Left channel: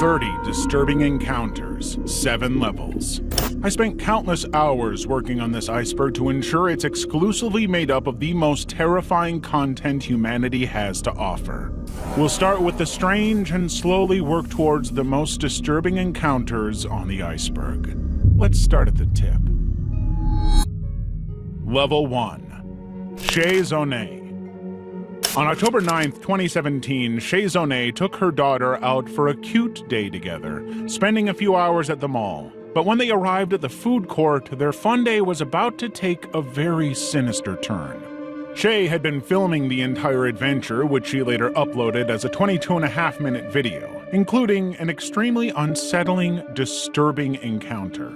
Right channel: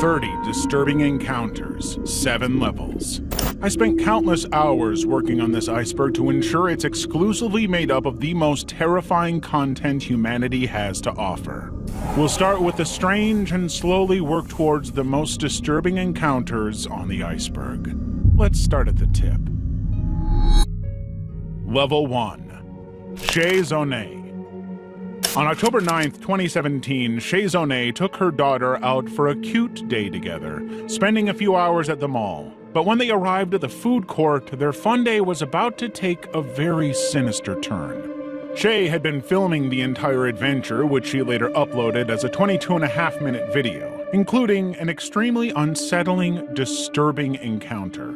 30 disturbing encounters, 7 levels. I spent countless hours working on this iceberg to ensure it's exclusively made up of the most terrifying content humanity has to offer. We'll start with the strange and slowly work towards the most disturbing encounters on the iceberg. Let's start at the tip. Level 1. Shay Zonay. On October 9th, 2017, Shay Zonay took her daughter out for a cute day together, spending a few hours at the mall. But when they arrived at the food court, their fun day was about to take a very sinister turn. Shay had been filming the entire adventure, which she later uploaded as a 22.5-minute video, including an extremely unsettling, disturbing encounter.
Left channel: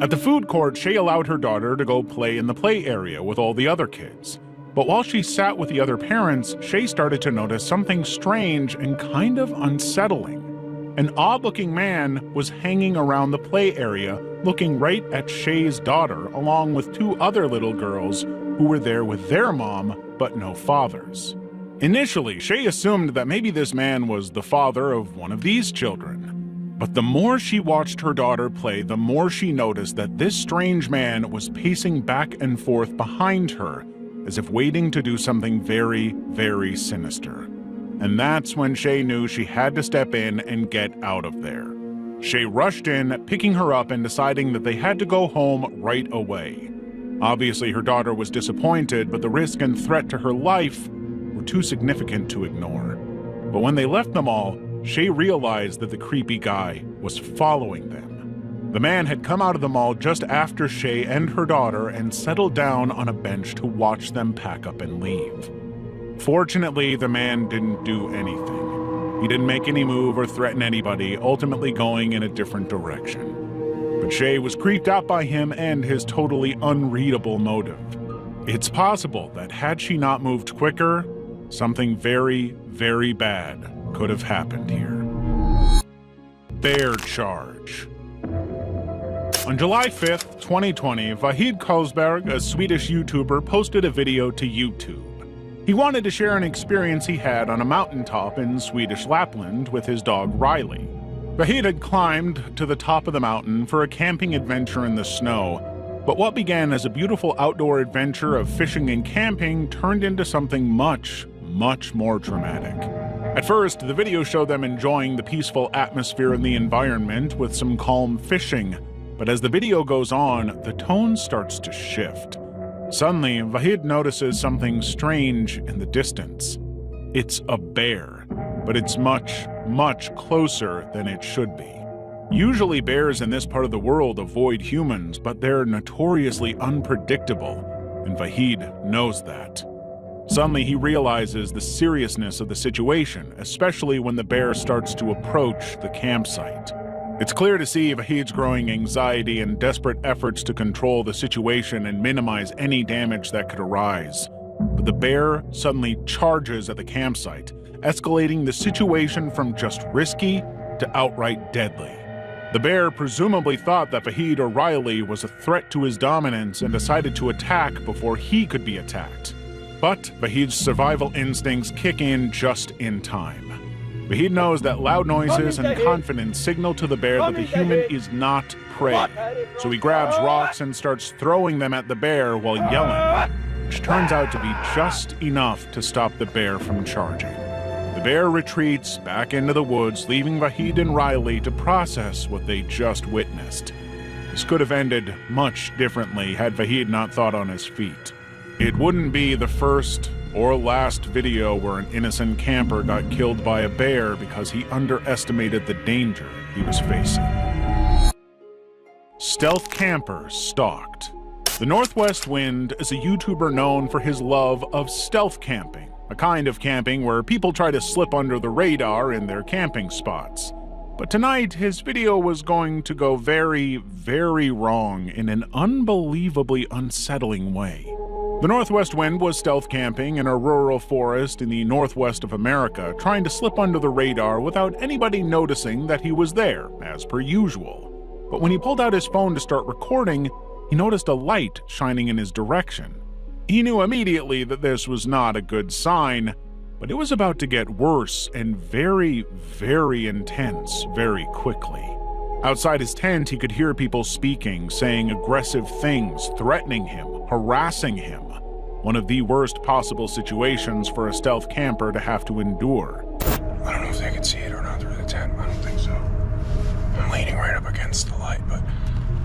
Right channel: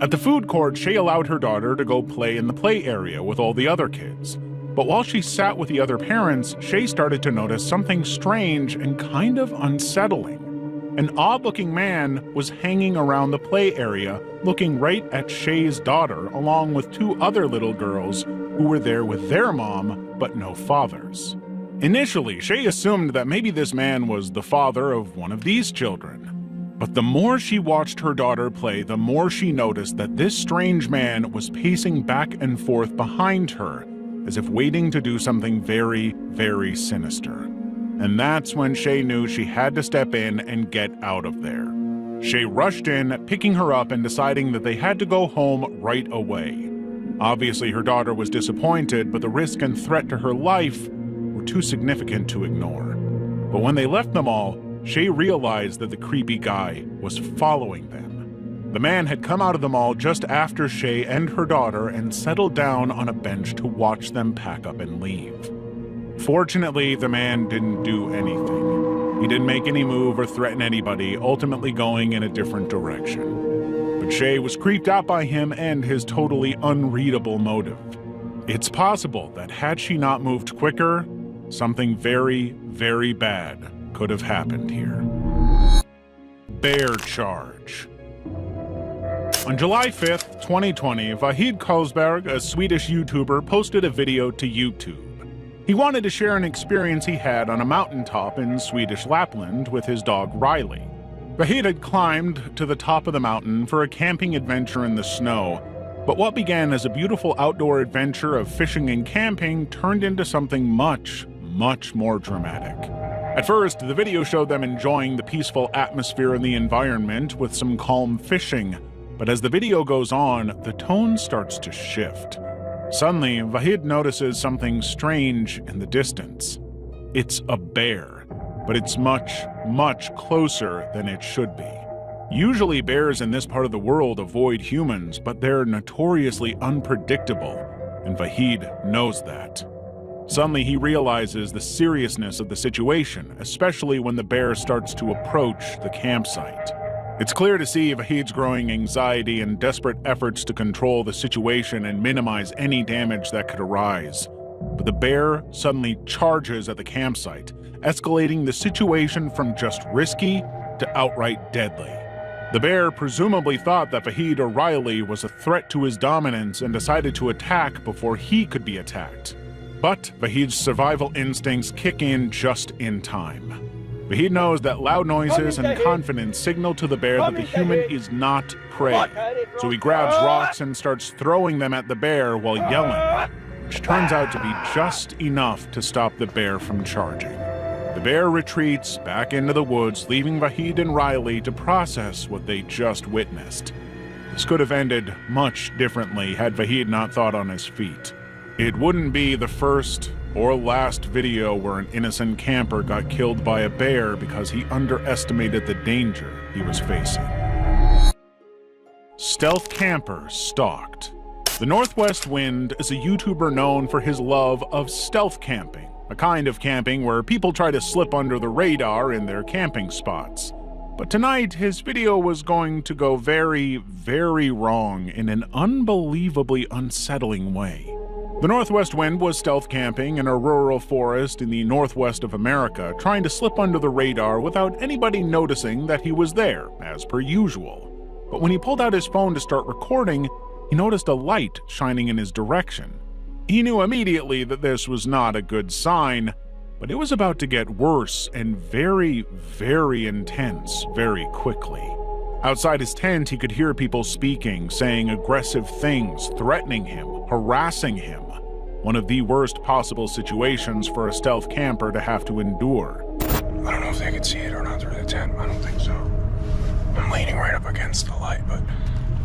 At the food court, Shay allowed her daughter to go play in the play area with all the other kids. But while she sat with the other parents, Shay started to notice something strange and kind of unsettling. An odd-looking man was hanging around the play area, looking right at Shay's daughter, along with 2 other little girls who were there with their mom, but no fathers. Initially, Shay assumed that maybe this man was the father of one of these children. But the more she watched her daughter play, the more she noticed that this strange man was pacing back and forth behind her, as if waiting to do something very, very sinister. And that's when Shay knew she had to step in and get out of there. Shay rushed in, picking her up and deciding that they had to go home right away. Obviously, her daughter was disappointed, but the risk and threat to her life were too significant to ignore. But when they left the mall, Shay realized that the creepy guy was following them. The man had come out of the mall just after Shay and her daughter and settled down on a bench to watch them pack up and leave. Fortunately, the man didn't do anything. He didn't make any move or threaten anybody, ultimately going in a different direction. But Shay was creeped out by him and his totally unreadable motive. It's possible that had she not moved quicker, something very, very bad could have happened here. Bear charge. On July 5th, 2020, Vahid Kosberg, a Swedish YouTuber, posted a video to YouTube. He wanted to share an experience he had on a mountaintop in Swedish Lapland with his dog Riley. Vahid had climbed to the top of the mountain for a camping adventure in the snow, but what began as a beautiful outdoor adventure of fishing and camping turned into something much, much more dramatic. At first, the video showed them enjoying the peaceful atmosphere in the environment with some calm fishing, but as the video goes on, the tone starts to shift. Suddenly, Vahid notices something strange in the distance. It's a bear, but it's much, much closer than it should be. Usually bears in this part of the world avoid humans, but they're notoriously unpredictable, and Vahid knows that. Suddenly, he realizes the seriousness of the situation, especially when the bear starts to approach the campsite. It's clear to see Vahid's growing anxiety and desperate efforts to control the situation and minimize any damage that could arise. But the bear suddenly charges at the campsite, escalating the situation from just risky to outright deadly. The bear presumably thought that Vahid or Riley was a threat to his dominance and decided to attack before he could be attacked. But Vahid's survival instincts kick in just in time. Vahid knows that loud noises and confidence signal to the bear that the human is not prey, so he grabs rocks and starts throwing them at the bear while yelling, which turns out to be just enough to stop the bear from charging. The bear retreats back into the woods, leaving Vahid and Riley to process what they just witnessed. This could have ended much differently had Vahid not thought on his feet. It wouldn't be the first or last video where an innocent camper got killed by a bear because he underestimated the danger he was facing. Stealth camper stalked. The Northwest Wind is a YouTuber known for his love of stealth camping, a kind of camping where people try to slip under the radar in their camping spots. But tonight, his video was going to go very, very wrong in an unbelievably unsettling way. The Northwest Wind was stealth camping in a rural forest in the northwest of America, trying to slip under the radar without anybody noticing that he was there, as per usual. But when he pulled out his phone to start recording, he noticed a light shining in his direction. He knew immediately that this was not a good sign, But it was about to get worse and very, very intense very quickly. Outside his tent, he could hear people speaking, saying aggressive things, threatening him, harassing him. One of the worst possible situations for a stealth camper to have to endure. I don't know if they can see it or not through the tent. I don't think so. I'm leaning right up against the light, but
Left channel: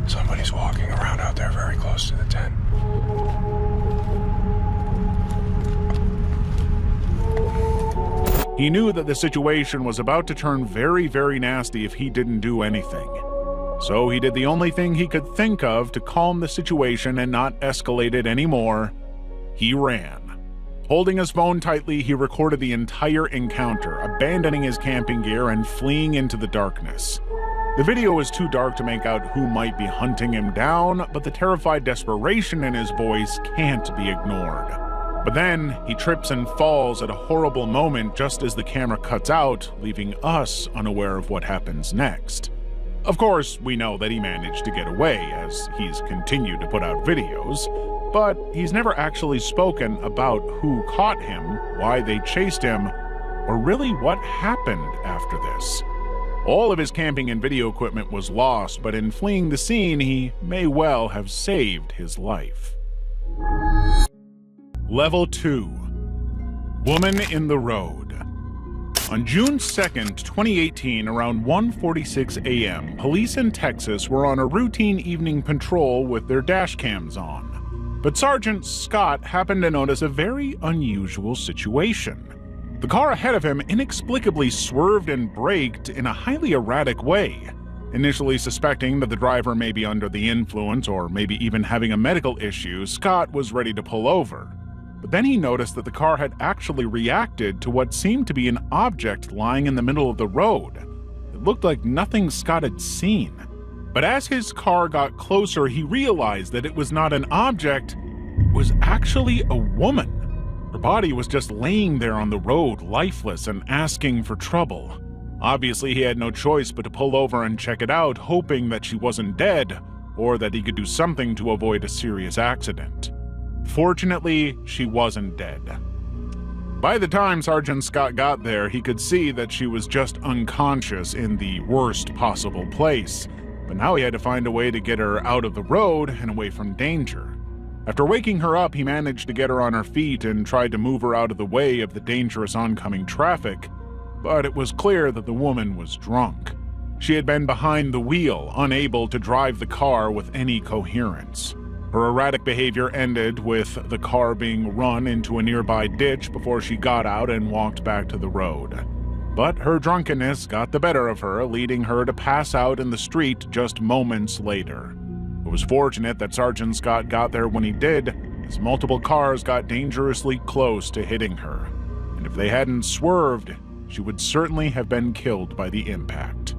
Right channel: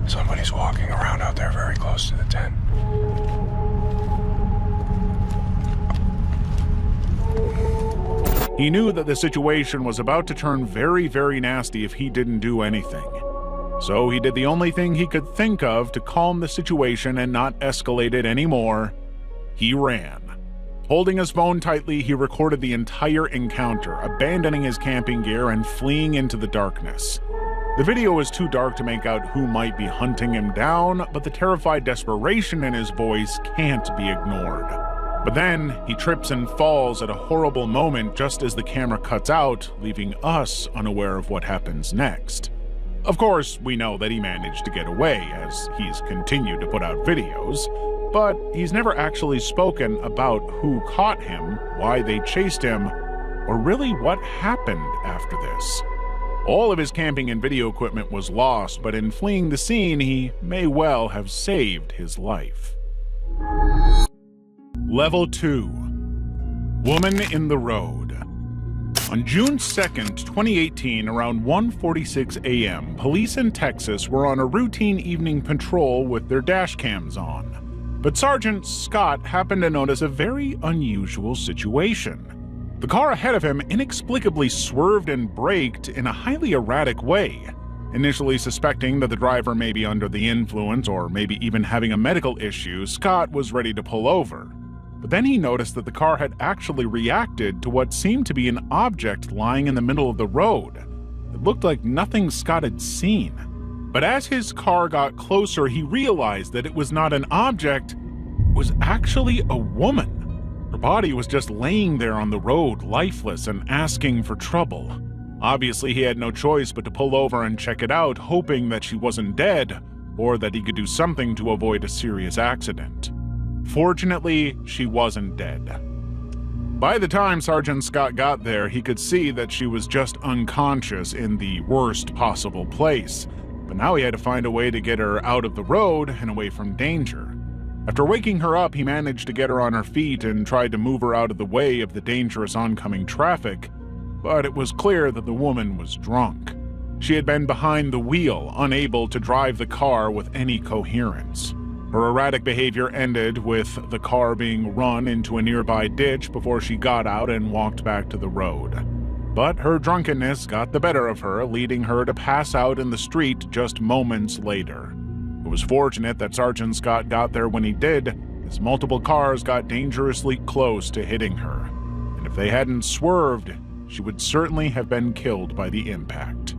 somebody's walking around out there very close to the tent. He knew that the situation was about to turn very, very nasty if he didn't do anything. So he did the only thing he could think of to calm the situation and not escalate it anymore. He ran. Holding his phone tightly, he recorded the entire encounter, abandoning his camping gear and fleeing into the darkness. The video was too dark to make out who might be hunting him down, but the terrified desperation in his voice can't be ignored. But then, he trips and falls at a horrible moment just as the camera cuts out, leaving us unaware of what happens next. Of course, we know that he managed to get away, as he's continued to put out videos, but he's never actually spoken about who caught him, why they chased him, or really what happened after this. All of his camping and video equipment was lost, but in fleeing the scene, he may well have saved his life. Level 2. Woman in the Road. On June 2nd, 2018, around 1:46 a.m., police in Texas were on a routine evening patrol with their dash cams on. But Sergeant Scott happened to notice a very unusual situation. The car ahead of him inexplicably swerved and braked in a highly erratic way. Initially suspecting that the driver may be under the influence or maybe even having a medical issue, Scott was ready to pull over. But then he noticed that the car had actually reacted to what seemed to be an object lying in the middle of the road. It looked like nothing Scott had seen. But as his car got closer, he realized that it was not an object, it was actually a woman. Her body was just laying there on the road, lifeless and asking for trouble. Obviously, he had no choice but to pull over and check it out, hoping that she wasn't dead, or that he could do something to avoid a serious accident. Fortunately, she wasn't dead. By the time Sergeant Scott got there, he could see that she was just unconscious in the worst possible place, but now he had to find a way to get her out of the road and away from danger. After waking her up, he managed to get her on her feet and tried to move her out of the way of the dangerous oncoming traffic, but it was clear that the woman was drunk. She had been behind the wheel, unable to drive the car with any coherence. Her erratic behavior ended with the car being run into a nearby ditch before she got out and walked back to the road. But her drunkenness got the better of her, leading her to pass out in the street just moments later. It was fortunate that Sergeant Scott got there when he did, as multiple cars got dangerously close to hitting her. And if they hadn't swerved, she would certainly have been killed by the impact.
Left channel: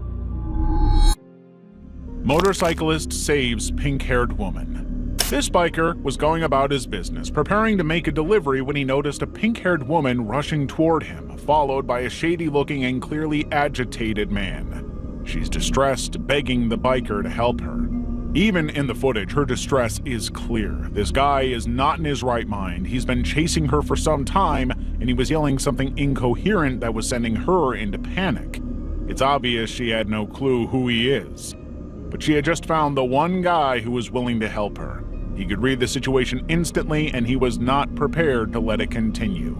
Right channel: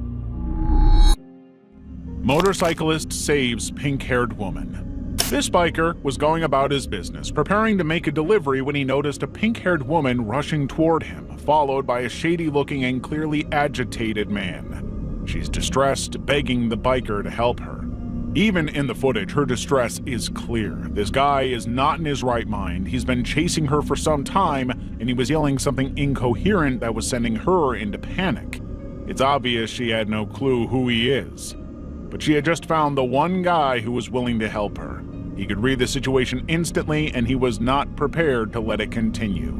Motorcyclist saves pink-haired woman. This biker was going about his business, preparing to make a delivery when he noticed a pink-haired woman rushing toward him, followed by a shady-looking and clearly agitated man. She's distressed, begging the biker to help her. Even in the footage, her distress is clear. This guy is not in his right mind. He's been chasing her for some time, and he was yelling something incoherent that was sending her into panic. It's obvious she had no clue who he is. But she had just found the one guy who was willing to help her. He could read the situation instantly, and he was not prepared to let it continue.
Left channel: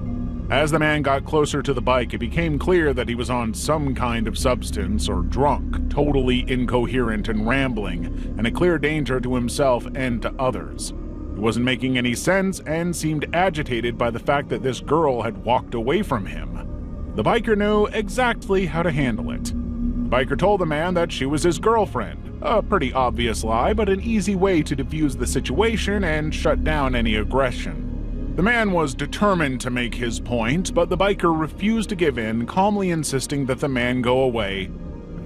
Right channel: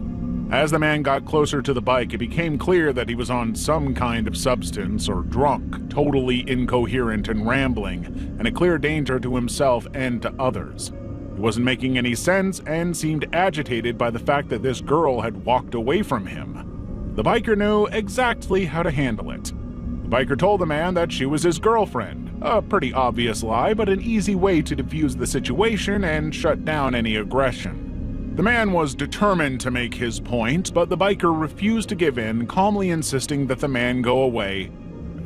As the man got closer to the bike, it became clear that he was on some kind of substance or drunk, totally incoherent and rambling, and a clear danger to himself and to others. He wasn't making any sense and seemed agitated by the fact that this girl had walked away from him. The biker knew exactly how to handle it. The biker told the man that she was his girlfriend. A pretty obvious lie, but an easy way to defuse the situation and shut down any aggression. The man was determined to make his point, but the biker refused to give in, calmly insisting that the man go away.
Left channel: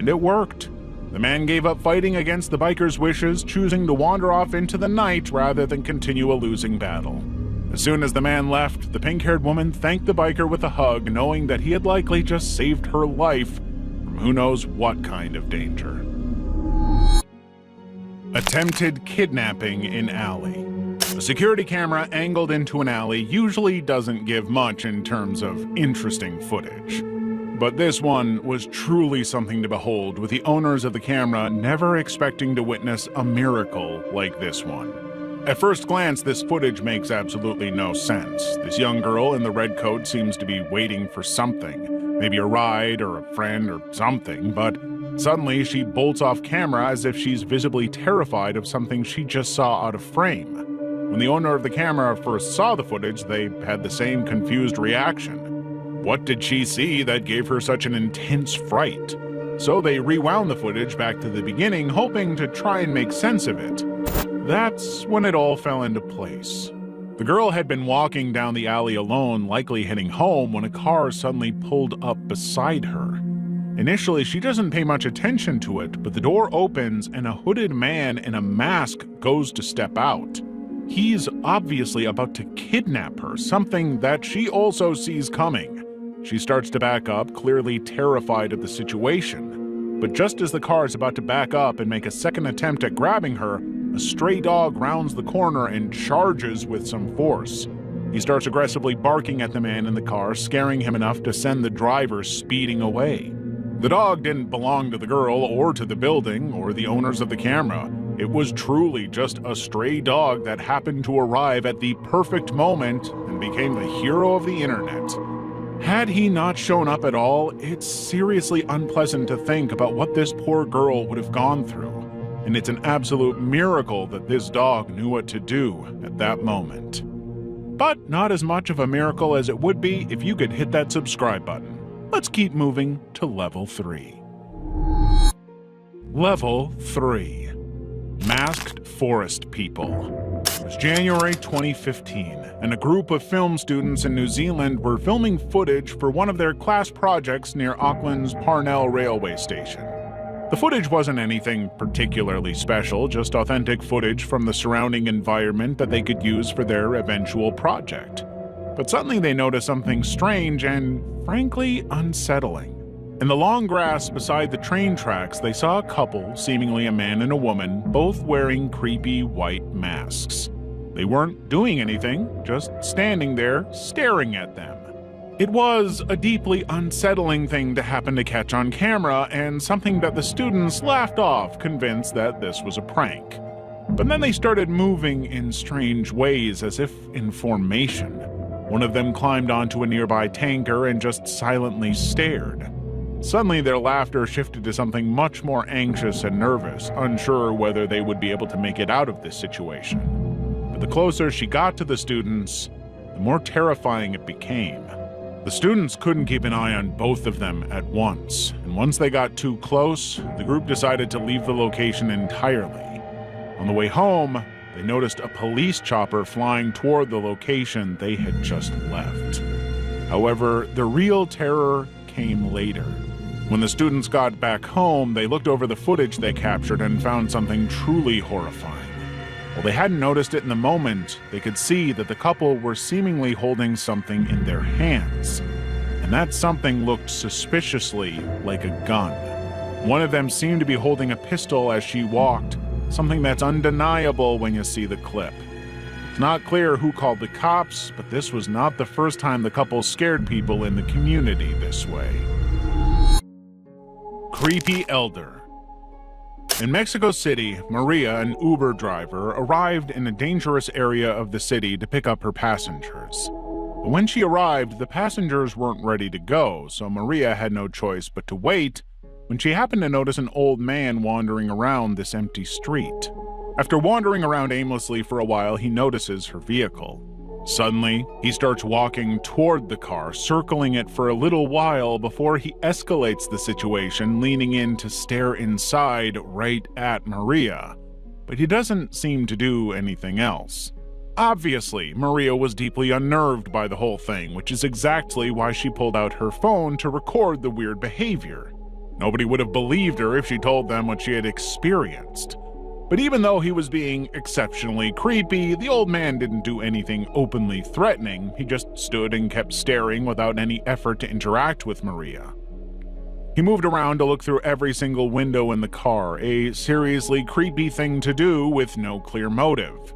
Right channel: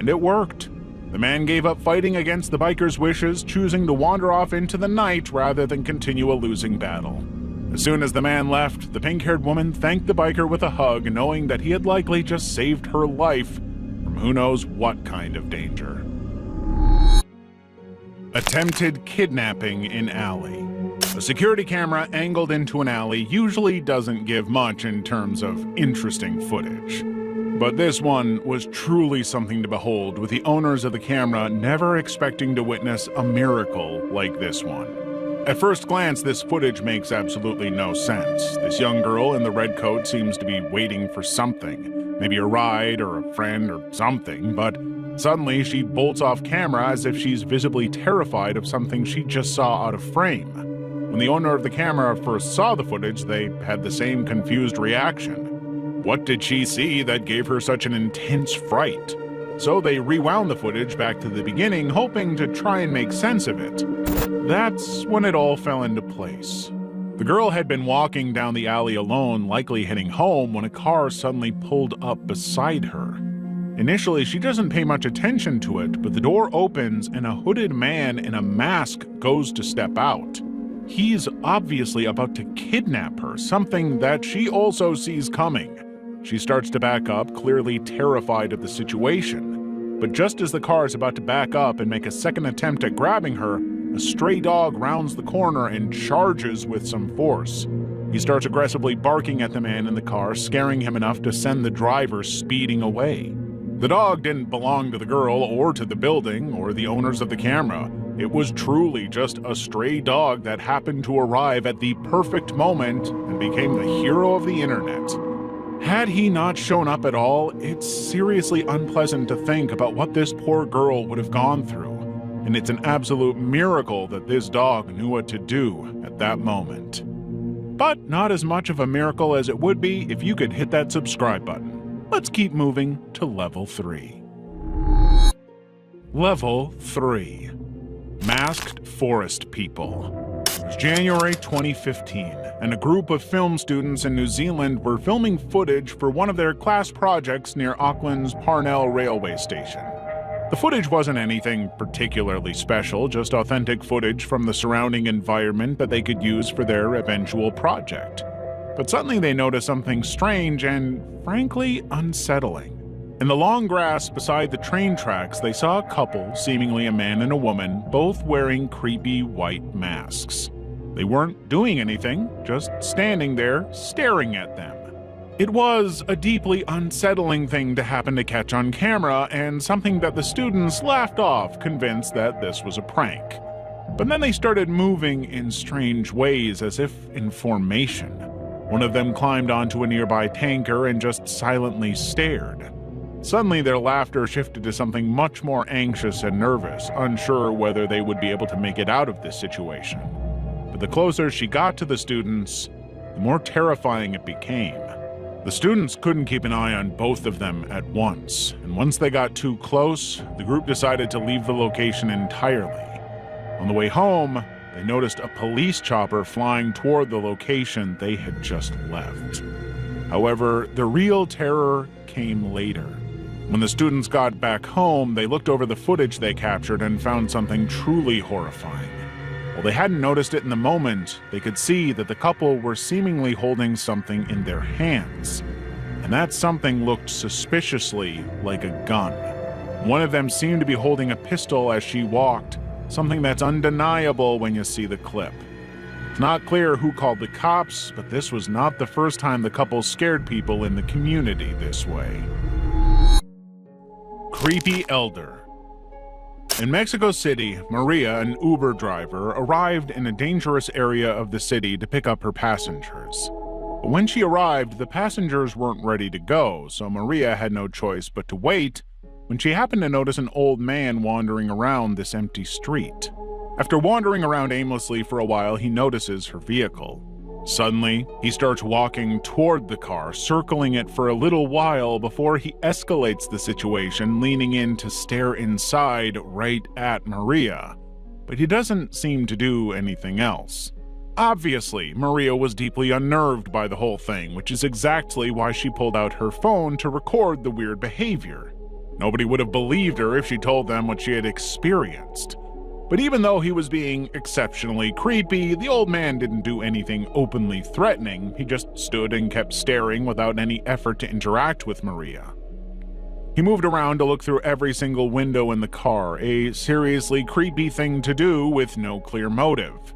And it worked. The man gave up fighting against the biker's wishes, choosing to wander off into the night rather than continue a losing battle. As soon as the man left, the pink-haired woman thanked the biker with a hug, knowing that he had likely just saved her life from who knows what kind of danger. Attempted kidnapping in alley. A security camera angled into an alley usually doesn't give much in terms of interesting footage. But this one was truly something to behold, with the owners of the camera never expecting to witness a miracle like this one. At first glance, this footage makes absolutely no sense. This young girl in the red coat seems to be waiting for something, maybe a ride or a friend or something, but suddenly she bolts off camera as if she's visibly terrified of something she just saw out of frame. When the owner of the camera first saw the footage, they had the same confused reaction. What did she see that gave her such an intense fright? So they rewound the footage back to the beginning, hoping to try and make sense of it. That's when it all fell into place. The girl had been walking down the alley alone, likely heading home, when a car suddenly pulled up beside her. Initially, she doesn't pay much attention to it, but the door opens and a hooded man in a mask goes to step out. He's obviously about to kidnap her, something that she also sees coming. She starts to back up, clearly terrified of the situation. But just as the car is about to back up and make a second attempt at grabbing her, a stray dog rounds the corner and charges with some force. He starts aggressively barking at the man in the car, scaring him enough to send the driver speeding away. The dog didn't belong to the girl or to the building or the owners of the camera. It was truly just a stray dog that happened to arrive at the perfect moment and became the hero of the internet. Had he not shown up at all, it's seriously unpleasant to think about what this poor girl would have gone through. And it's an absolute miracle that this dog knew what to do at that moment. But not as much of a miracle as it would be if you could hit that subscribe button. Let's keep moving to Level 3. Level 3. Masked Forest People. It was January 2015, and a group of film students in New Zealand were filming footage for one of their class projects near Auckland's Parnell railway station. The footage wasn't anything particularly special, just authentic footage from the surrounding environment that they could use for their eventual project. But suddenly they noticed something strange and, frankly, unsettling. In the long grass beside the train tracks, they saw a couple, seemingly a man and a woman, both wearing creepy white masks. They weren't doing anything, just standing there, staring at them. It was a deeply unsettling thing to happen to catch on camera, and something that the students laughed off, convinced that this was a prank. But then they started moving in strange ways, as if in formation. One of them climbed onto a nearby tanker and just silently stared. Suddenly, their laughter shifted to something much more anxious and nervous, unsure whether they would be able to make it out of this situation. But the closer she got to the students, the more terrifying it became. The students couldn't keep an eye on both of them at once, and once they got too close, the group decided to leave the location entirely. On the way home, they noticed a police chopper flying toward the location they had just left. However, the real terror came later. When the students got back home, they looked over the footage they captured and found something truly horrifying. While they hadn't noticed it in the moment, they could see that the couple were seemingly holding something in their hands. And that something looked suspiciously like a gun. One of them seemed to be holding a pistol as she walked, something that's undeniable when you see the clip. It's not clear who called the cops, but this was not the first time the couple scared people in the community this way. Creepy Elder. In Mexico City, Maria, an Uber driver, arrived in a dangerous area of the city to pick up her passengers. But when she arrived, the passengers weren't ready to go, so Maria had no choice but to wait when she happened to notice an old man wandering around this empty street. After wandering around aimlessly for a while, he notices her vehicle. Suddenly, he starts walking toward the car, circling it for a little while before he escalates the situation, leaning in to stare inside right at Maria. But he doesn't seem to do anything else. Obviously, Maria was deeply unnerved by the whole thing, which is exactly why she pulled out her phone to record the weird behavior. Nobody would have believed her if she told them what she had experienced. But even though he was being exceptionally creepy, the old man didn't do anything openly threatening. He just stood and kept staring without any effort to interact with Maria. He moved around to look through every single window in the car, a seriously creepy thing to do with no clear motive.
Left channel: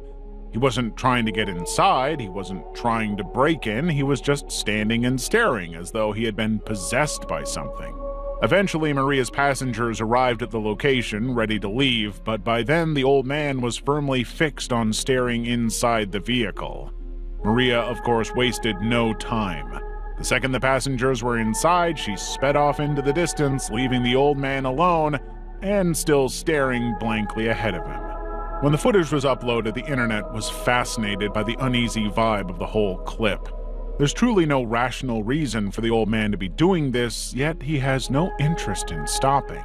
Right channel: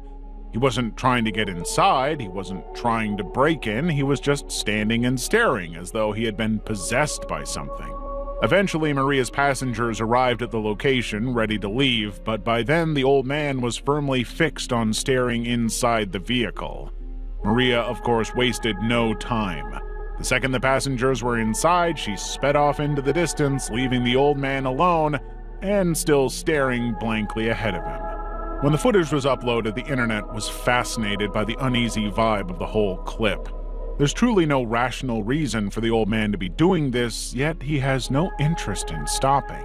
He wasn't trying to get inside, he wasn't trying to break in, he was just standing and staring as though he had been possessed by something. Eventually, Maria's passengers arrived at the location, ready to leave, but by then the old man was firmly fixed on staring inside the vehicle. Maria, of course, wasted no time. The second the passengers were inside, she sped off into the distance, leaving the old man alone and still staring blankly ahead of him. When the footage was uploaded, the internet was fascinated by the uneasy vibe of the whole clip. There's truly no rational reason for the old man to be doing this, yet he has no interest in stopping.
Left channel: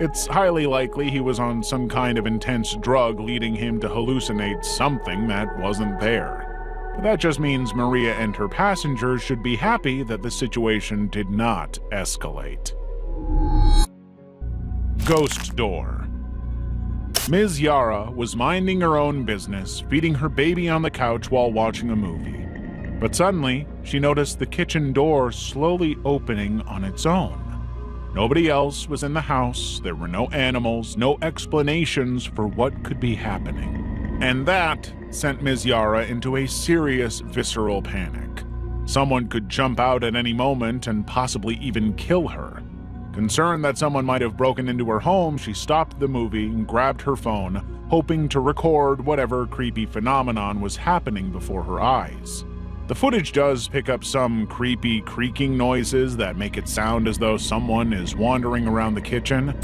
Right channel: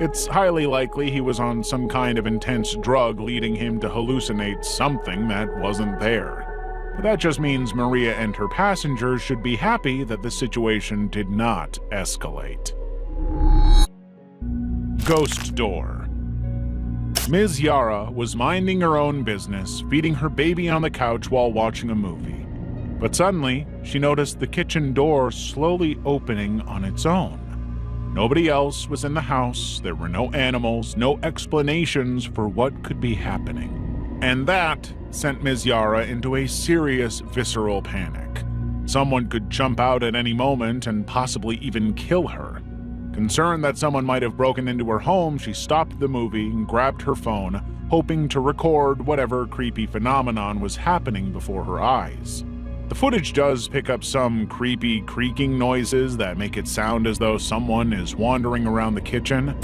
It's highly likely he was on some kind of intense drug leading him to hallucinate something that wasn't there. But that just means Maria and her passengers should be happy that the situation did not escalate. Ghost Door. Ms. Yara was minding her own business, feeding her baby on the couch while watching a movie. But suddenly, she noticed the kitchen door slowly opening on its own. Nobody else was in the house, there were no animals, no explanations for what could be happening. And that sent Ms. Yara into a serious visceral panic. Someone could jump out at any moment and possibly even kill her. Concerned that someone might have broken into her home, she stopped the movie and grabbed her phone, hoping to record whatever creepy phenomenon was happening before her eyes. The footage does pick up some creepy creaking noises that make it sound as though someone is wandering around the kitchen.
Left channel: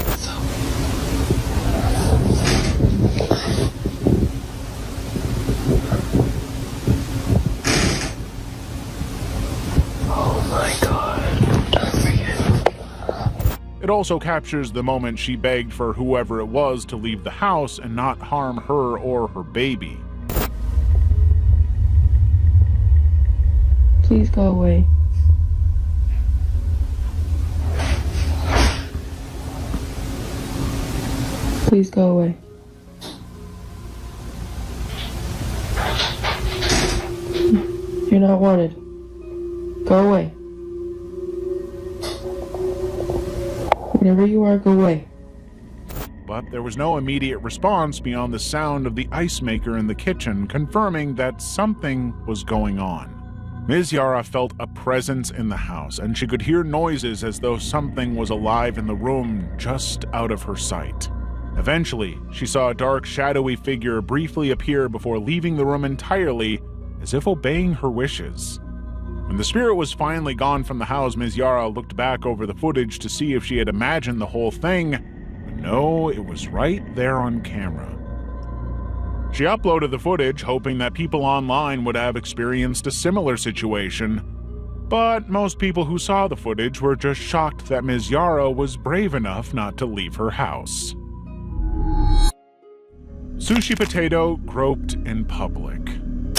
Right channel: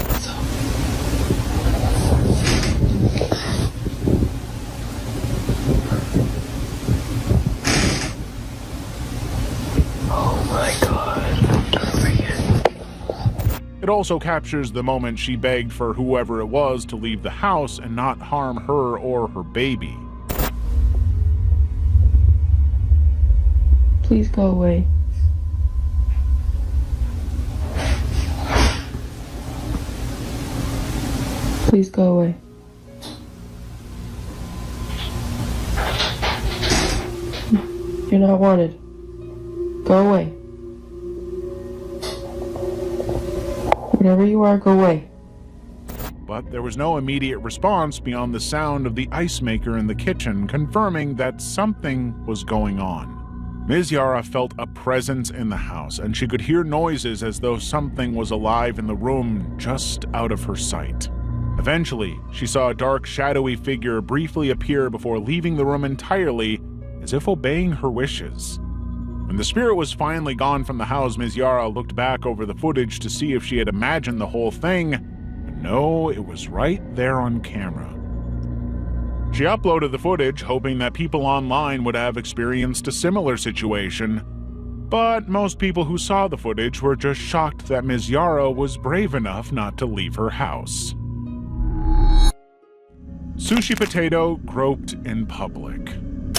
Oh my God. It also captures the moment she begged for whoever it was to leave the house and not harm her or her baby. Please go away. Please go away. You're not wanted. Go away. Wherever you are, go away. But there was no immediate response beyond the sound of the ice maker in the kitchen, confirming that something was going on. Ms. Yara felt a presence in the house, and she could hear noises as though something was alive in the room just out of her sight. Eventually, she saw a dark, shadowy figure briefly appear before leaving the room entirely, as if obeying her wishes. When the spirit was finally gone from the house, Ms. Yara looked back over the footage to see if she had imagined the whole thing, but no, it was right there on camera. She uploaded the footage, hoping that people online would have experienced a similar situation, but most people who saw the footage were just shocked that Ms. Yara was brave enough not to leave her house. Sushi Potato groped in public.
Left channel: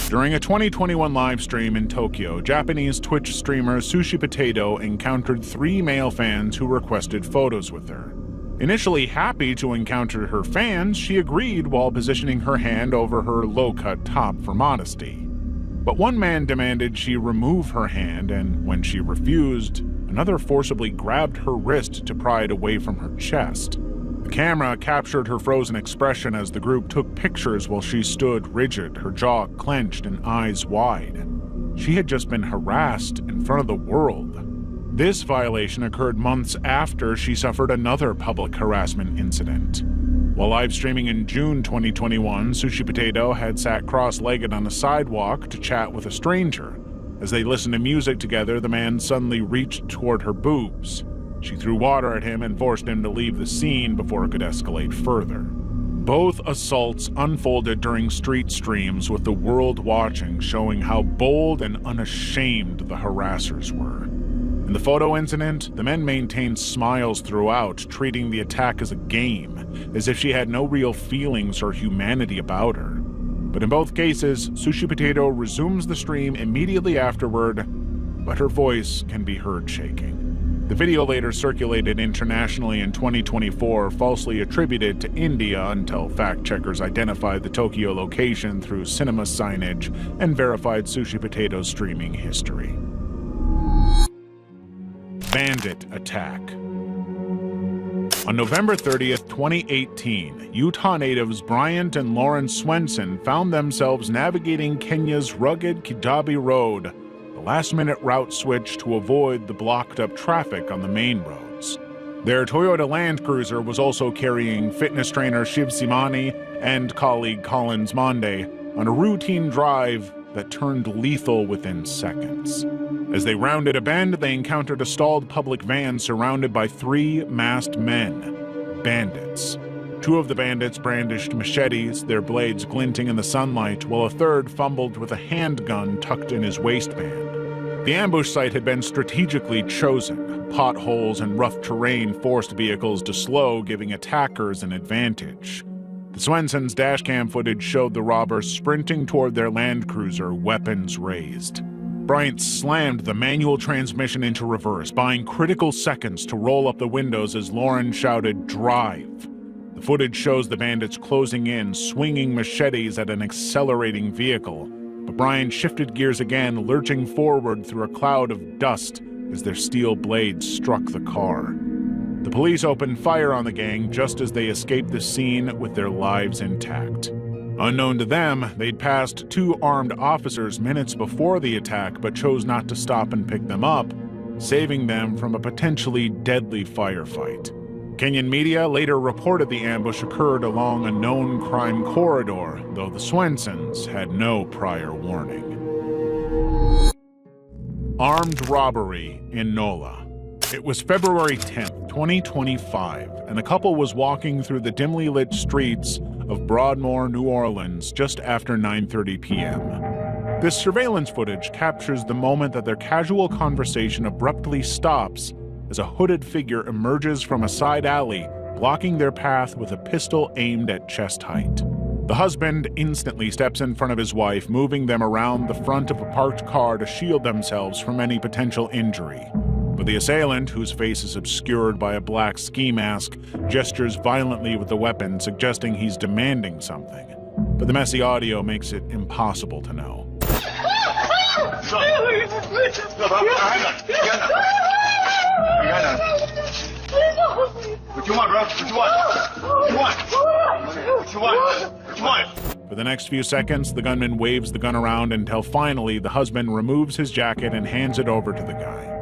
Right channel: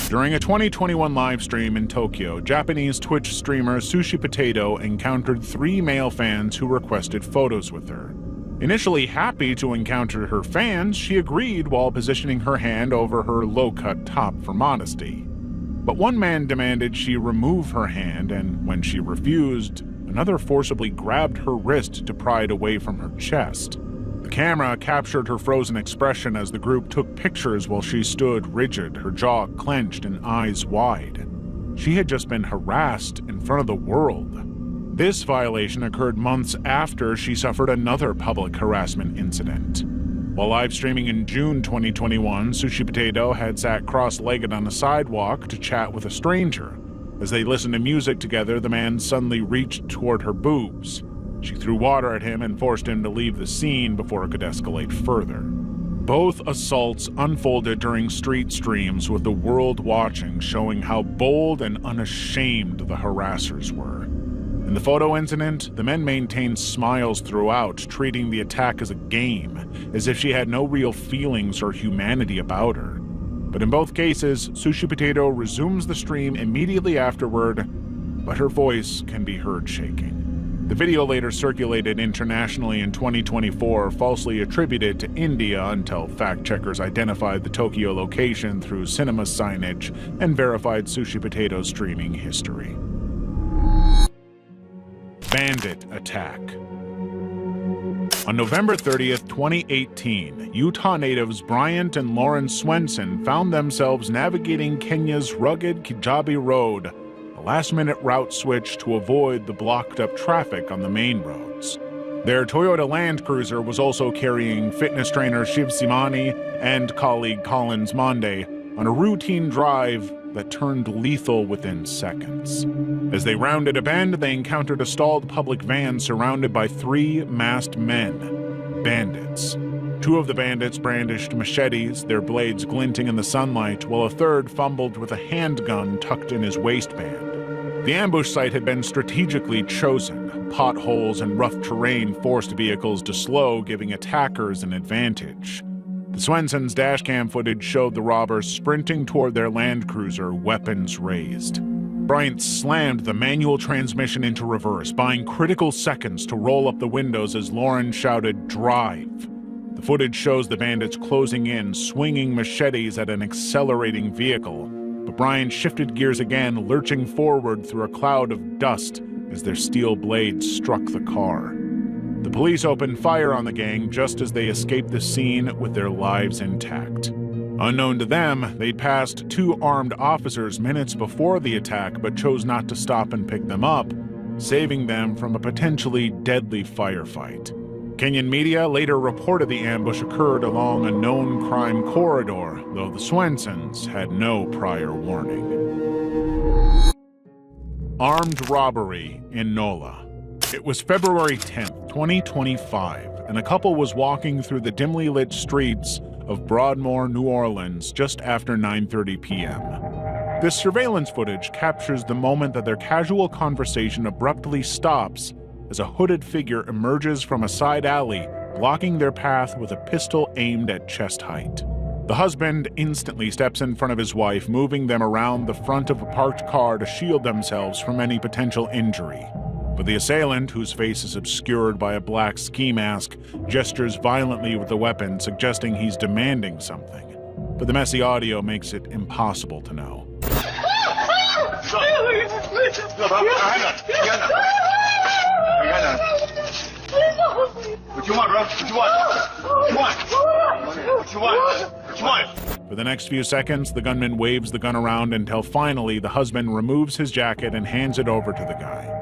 During a 2021 live stream in Tokyo, Japanese Twitch streamer Sushi Potato encountered 3 male fans who requested photos with her. Initially happy to encounter her fans, she agreed while positioning her hand over her low-cut top for modesty. But one man demanded she remove her hand, and when she refused, another forcibly grabbed her wrist to pry it away from her chest. The camera captured her frozen expression as the group took pictures while she stood rigid, her jaw clenched and eyes wide. She had just been harassed in front of the world. This violation occurred months after she suffered another public harassment incident. While live streaming in June 2021, Sushi Potato had sat cross-legged on a sidewalk to chat with a stranger. As they listened to music together, the man suddenly reached toward her boobs. She threw water at him and forced him to leave the scene before it could escalate further. Both assaults unfolded during street streams with the world watching, showing how bold and unashamed the harassers were. In the photo incident, the men maintained smiles throughout, treating the attack as a game, as if she had no real feelings or humanity about her. But in both cases, Sushi Potato resumes the stream immediately afterward, but her voice can be heard shaking. The video later circulated internationally in 2024, falsely attributed to India until fact-checkers identified the Tokyo location through cinema signage and verified Sushi Potato's streaming history. Bandit attack. On November 30th, 2018, Utah natives Bryant and Lauren Swenson found themselves navigating Kenya's rugged Kijabe Road, a last-minute route switch to avoid the blocked-up traffic on the main roads. Their Toyota Land Cruiser was also carrying fitness trainer Shiv Simani and colleague Collins Monde on a routine drive that turned lethal within seconds. As they rounded a bend, they encountered a stalled public van surrounded by 3 masked men, bandits. 2 of the bandits brandished machetes, their blades glinting in the sunlight, while a third fumbled with a handgun tucked in his waistband. The ambush site had been strategically chosen. Potholes and rough terrain forced vehicles to slow, giving attackers an advantage. The Swensons' dashcam footage showed the robbers sprinting toward their Land Cruiser, weapons raised. Bryant slammed the manual transmission into reverse, buying critical seconds to roll up the windows as Lauren shouted, "Drive!" The footage shows the bandits closing in, swinging machetes at an accelerating vehicle. But Bryant shifted gears again, lurching forward through a cloud of dust as their steel blades struck the car. The police opened fire on the gang just as they escaped the scene with their lives intact. Unknown to them, they'd passed 2 armed officers minutes before the attack but chose not to stop and pick them up, saving them from a potentially deadly firefight. Kenyan media later reported the ambush occurred along a known crime corridor, though the Swensons had no prior warning. Armed robbery in NOLA. It was February 10th, 2025, and a couple was walking through the dimly lit streets of Broadmoor, New Orleans, just after 9:30 p.m. This surveillance footage captures the moment that their casual conversation abruptly stops as a hooded figure emerges from a side alley, blocking their path with a pistol aimed at chest height. The husband instantly steps in front of his wife, moving them around the front of a parked car to shield themselves from any potential injury. But the assailant, whose face is obscured by a black ski mask, gestures violently with the weapon, suggesting he's demanding something. But the messy audio makes it impossible to know. What you want, bro? What you want? What you want? For the next few seconds, the gunman waves the gun around until finally the husband removes his jacket and hands it over to the guy.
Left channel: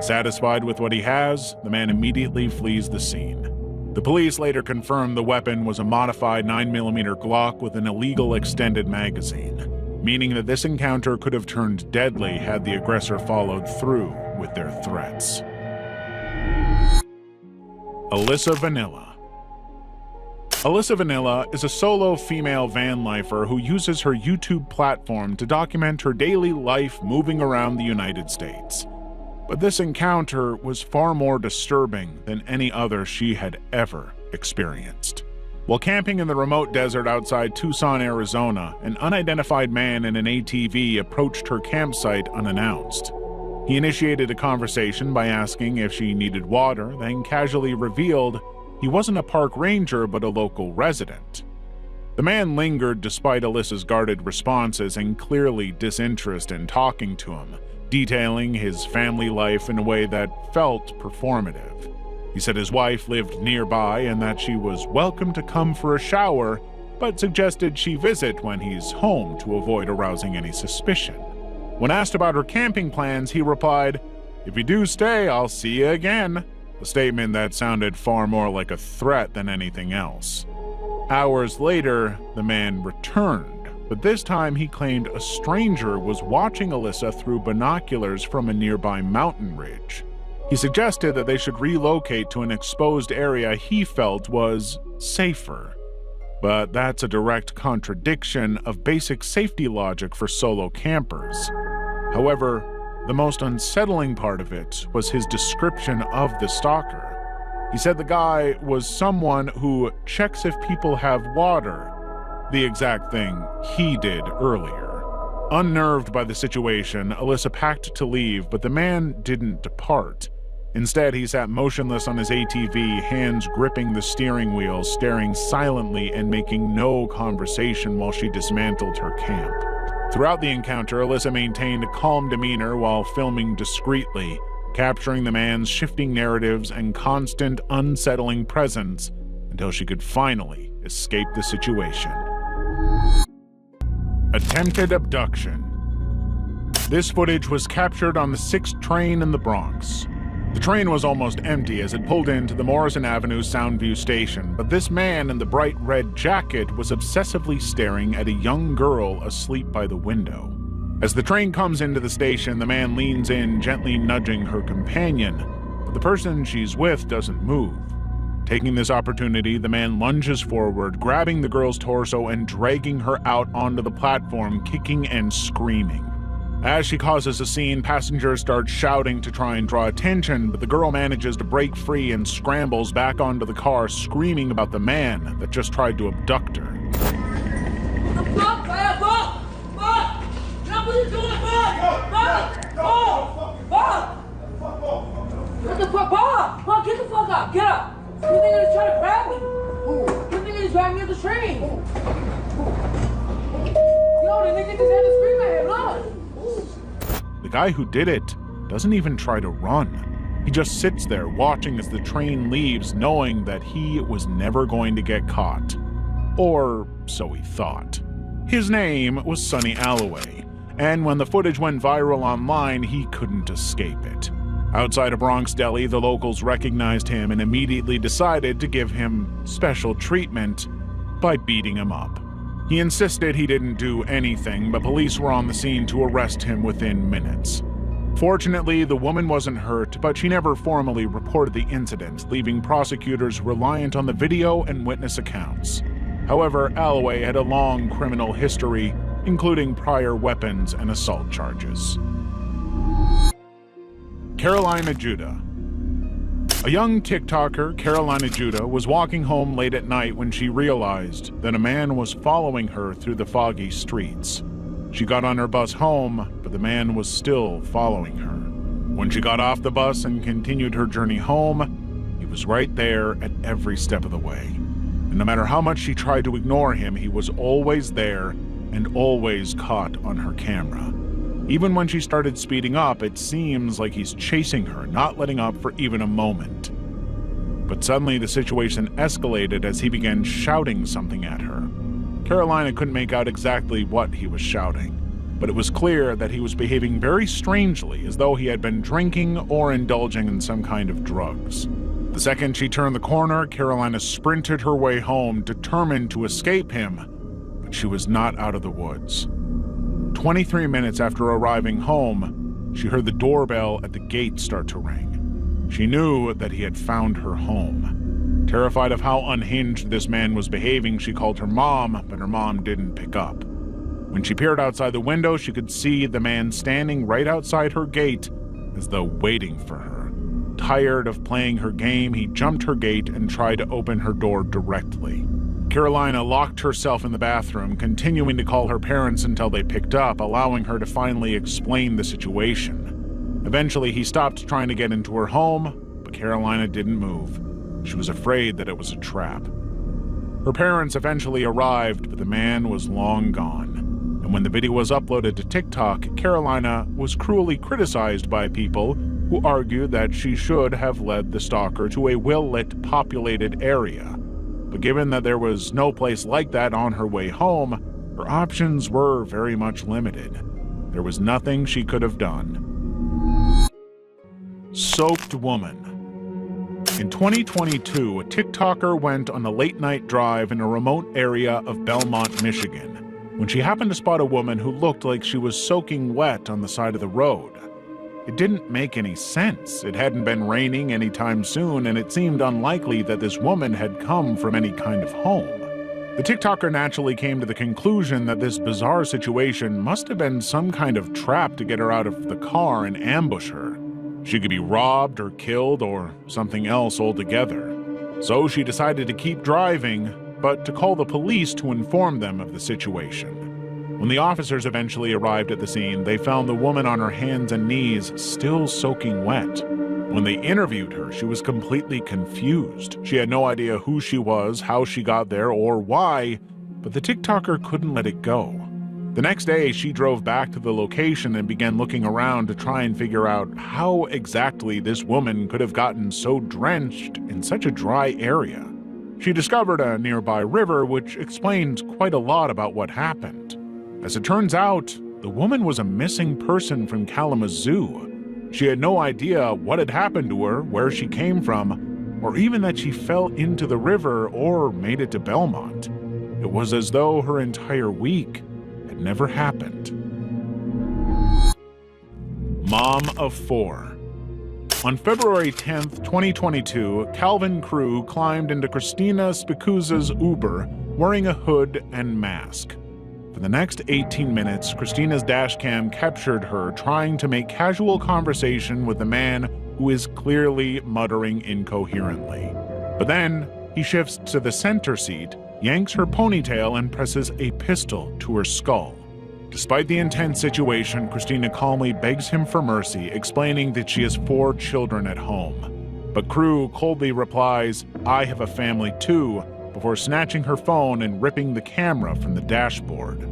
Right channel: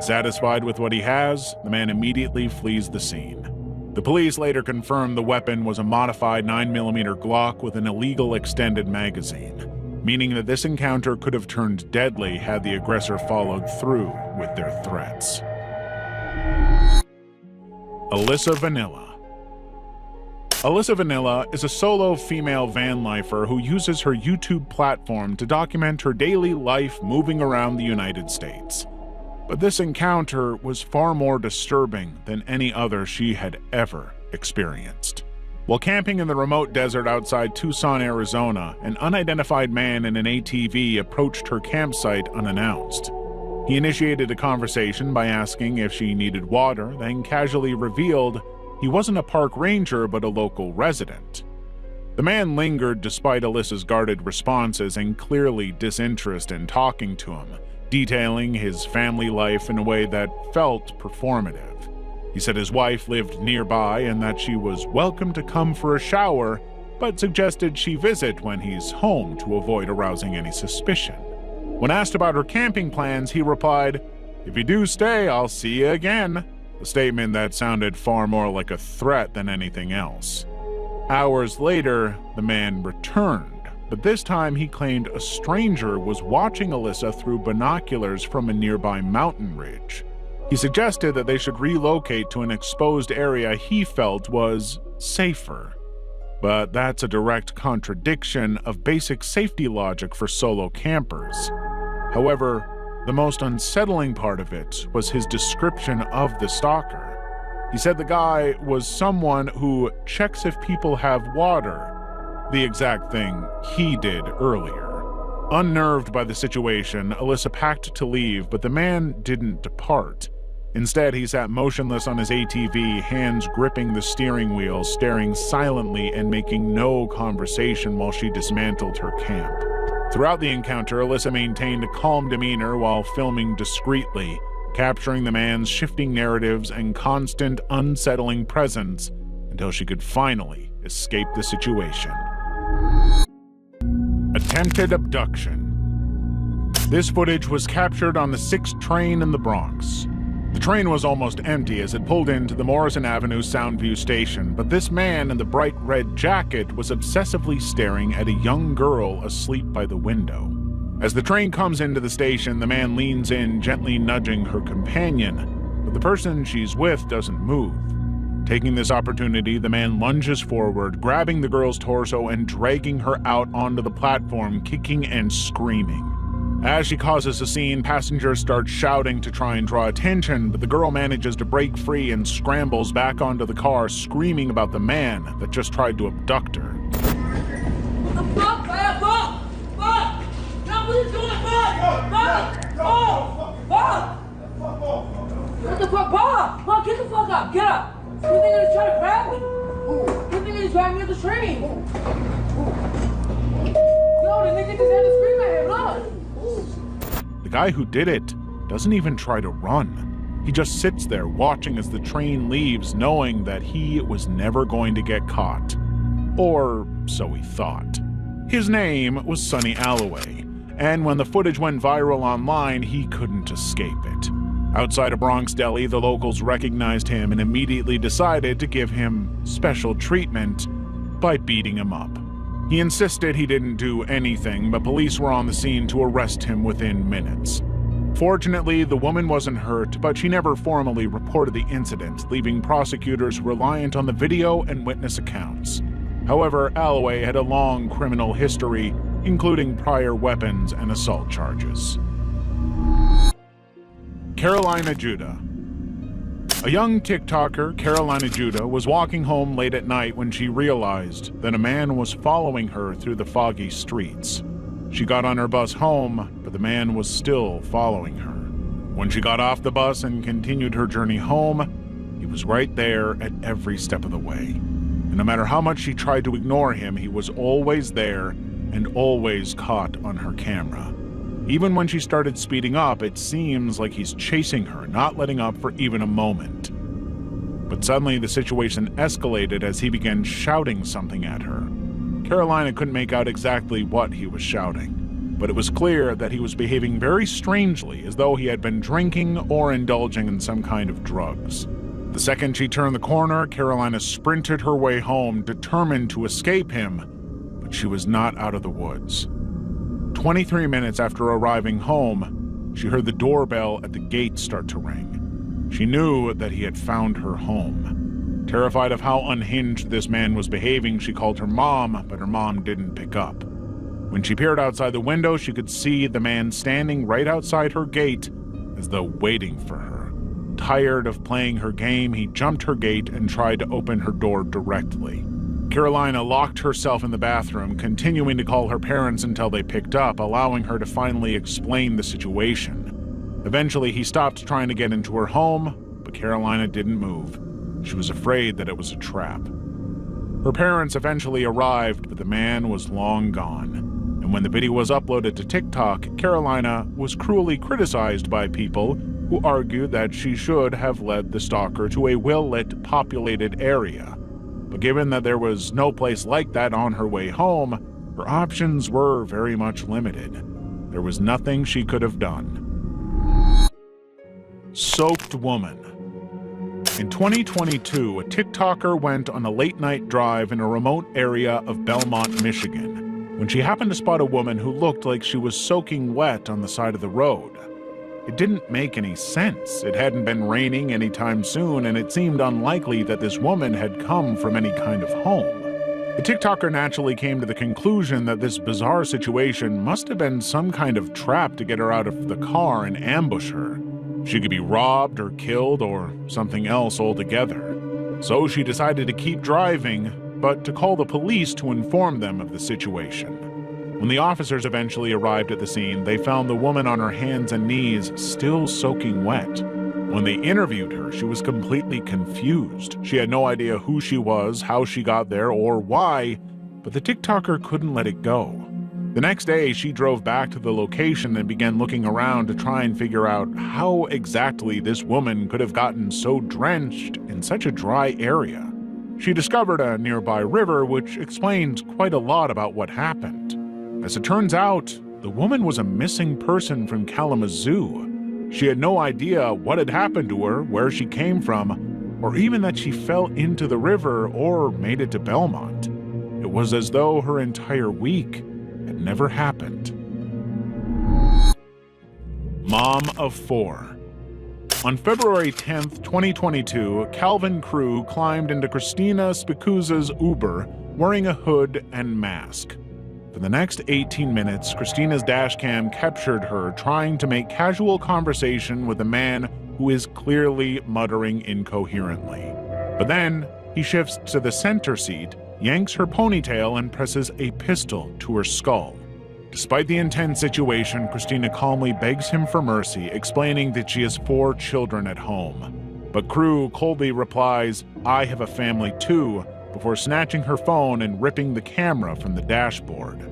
Satisfied with what he has, the man immediately flees the scene. The police later confirmed the weapon was a modified 9mm Glock with an illegal extended magazine, meaning that this encounter could have turned deadly had the aggressor followed through with their threats. Alyssa Vanilla. Alyssa Vanilla is a solo female van lifer who uses her YouTube platform to document her daily life moving around the United States. But this encounter was far more disturbing than any other she had ever experienced. While camping in the remote desert outside Tucson, Arizona, an unidentified man in an ATV approached her campsite unannounced. He initiated a conversation by asking if she needed water, then casually revealed he wasn't a park ranger but a local resident. The man lingered despite Alyssa's guarded responses and clearly disinterest in talking to him, detailing his family life in a way that felt performative. He said his wife lived nearby and that she was welcome to come for a shower, but suggested she visit when he's home to avoid arousing any suspicion. When asked about her camping plans, he replied, "If you do stay, I'll see you again," a statement that sounded far more like a threat than anything else. Hours later, the man returned, but this time he claimed a stranger was watching Alyssa through binoculars from a nearby mountain ridge. He suggested that they should relocate to an exposed area he felt was safer. But that's a direct contradiction of basic safety logic for solo campers. However, the most unsettling part of it was his description of the stalker. He said the guy was someone who checks if people have water, the exact thing he did earlier. Unnerved by the situation, Alyssa packed to leave, but the man didn't depart. Instead, he sat motionless on his ATV, hands gripping the steering wheel, staring silently and making no conversation while she dismantled her camp. Throughout the encounter, Alyssa maintained a calm demeanor while filming discreetly, capturing the man's shifting narratives and constant unsettling presence until she could finally escape the situation. Attempted abduction. This footage was captured on the 6th train in the Bronx. The train was almost empty as it pulled into the Morrison Avenue Soundview station, but this man in the bright red jacket was obsessively staring at a young girl asleep by the window. As the train comes into the station, the man leans in, gently nudging her companion, but the person she's with doesn't move. Taking this opportunity, the man lunges forward, grabbing the girl's torso and dragging her out onto the platform, kicking and screaming. As she causes a scene, passengers start shouting to try and draw attention, but the girl manages to break free and scrambles back onto the car, screaming about the man that just tried to abduct her. The guy who did it doesn't even try to run. He just sits there watching as the train leaves, knowing that he was never going to get caught. Or so he thought. His name was Sonny Alloway, and when the footage went viral online, he couldn't escape it. Outside a Bronx deli, the locals recognized him and immediately decided to give him special treatment by beating him up. He insisted he didn't do anything, but police were on the scene to arrest him within minutes. Fortunately, the woman wasn't hurt, but she never formally reported the incident, leaving prosecutors reliant on the video and witness accounts. However, Alloway had a long criminal history, including prior weapons and assault charges. Carolina Judah. A young TikToker, Carolina Judah, was walking home late at night when she realized that a man was following her through the foggy streets. She got on her bus home, but the man was still following her. When she got off the bus and continued her journey home, he was right there at every step of the way. And no matter how much she tried to ignore him, he was always there and always caught on her camera. Even when she started speeding up, it seems like he's chasing her, not letting up for even a moment. But suddenly the situation escalated as he began shouting something at her. Carolina couldn't make out exactly what he was shouting, but it was clear that he was behaving very strangely, as though he had been drinking or indulging in some kind of drugs. The second she turned the corner, Carolina sprinted her way home, determined to escape him, but she was not out of the woods. 23 minutes after arriving home, she heard the doorbell at the gate start to ring. She knew that he had found her home. Terrified of how unhinged this man was behaving, she called her mom, but her mom didn't pick up. When she peered outside the window, she could see the man standing right outside her gate, as though waiting for her. Tired of playing her game, he jumped her gate and tried to open her door directly. Carolina locked herself in the bathroom, continuing to call her parents until they picked up, allowing her to finally explain the situation. Eventually, he stopped trying to get into her home, but Carolina didn't move. She was afraid that it was a trap. Her parents eventually arrived, but the man was long gone. And when the video was uploaded to TikTok, Carolina was cruelly criticized by people who argued that she should have led the stalker to a well-lit, populated area. But given that there was no place like that on her way home, her options were very much limited. There was nothing she could have done. Soaked woman. In 2022, a TikToker went on a late-night drive in a remote area of Belmont, Michigan, when she happened to spot a woman who looked like she was soaking wet on the side of the road. It didn't make any sense. It hadn't been raining anytime soon, and it seemed unlikely that this woman had come from any kind of home. The TikToker naturally came to the conclusion that this bizarre situation must have been some kind of trap to get her out of the car and ambush her. She could be robbed or killed or something else altogether. So she decided to keep driving, but to call the police to inform them of the situation. When the officers eventually arrived at the scene, they found the woman on her hands and knees, still soaking wet. When they interviewed her, she was completely confused. She had no idea who she was, how she got there, or why, but the TikToker couldn't let it go. The next day, she drove back to the location and began looking around to try and figure out how exactly this woman could have gotten so drenched in such a dry area. She discovered a nearby river, which explained quite a lot about what happened. As it turns out, the woman was a missing person from Kalamazoo. She had no idea what had happened to her, where she came from, or even that she fell into the river or made it to Belmont. It was as though her entire week had never happened. Mom of 4. On February 10th, 2022, Calvin Crew climbed into Christina Spicuzza's Uber wearing a hood and mask. For the next 18 minutes, Christina's dashcam captured her trying to make casual conversation with a man who is clearly muttering incoherently. But then, he shifts to the center seat, yanks her ponytail, and presses a pistol to her skull. Despite the intense situation, Christina calmly begs him for mercy, explaining that she has 4 children at home. But Crew coldly replies, "I have a family too," before snatching her phone and ripping the camera from the dashboard.